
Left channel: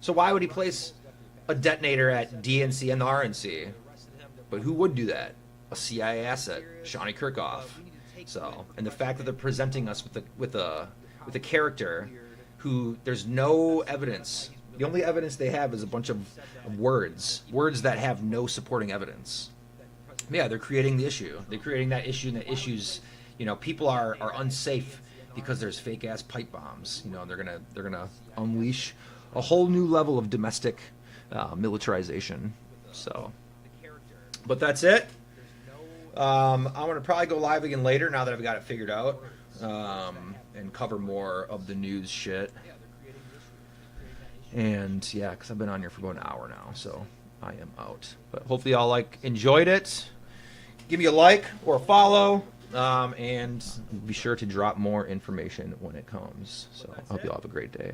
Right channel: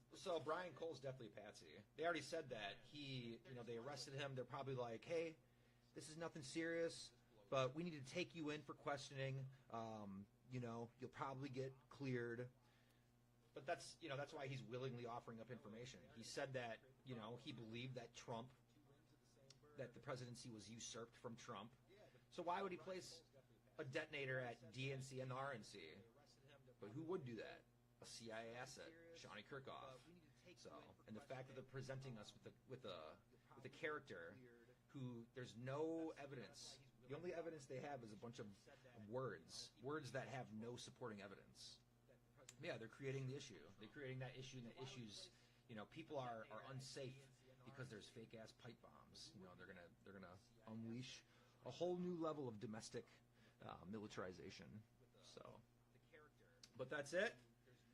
So why would he place a detonator at DNC and the RNC? But who would do that? A CIA asset, Shawnee Kirkhoff. So, and the fact that they're presenting us with a character who there's no evidence. The only evidence they have is a bunch of words that have no supporting evidence. Yeah, they're creating the issue. They're creating that issue, and the issues, people are unsafe because there's fake ass pipe bombs. They're gonna unleash a whole new level of domestic militarization. So, but that's it. I'm gonna probably go live again later now that I've got it figured out, and cover more of the news shit. And yeah, because I've been on here for about an hour now, so I am out. But hopefully y'all enjoyed it. Give me a like or a follow, and be sure to drop more information when it comes. So I hope y'all have a great day.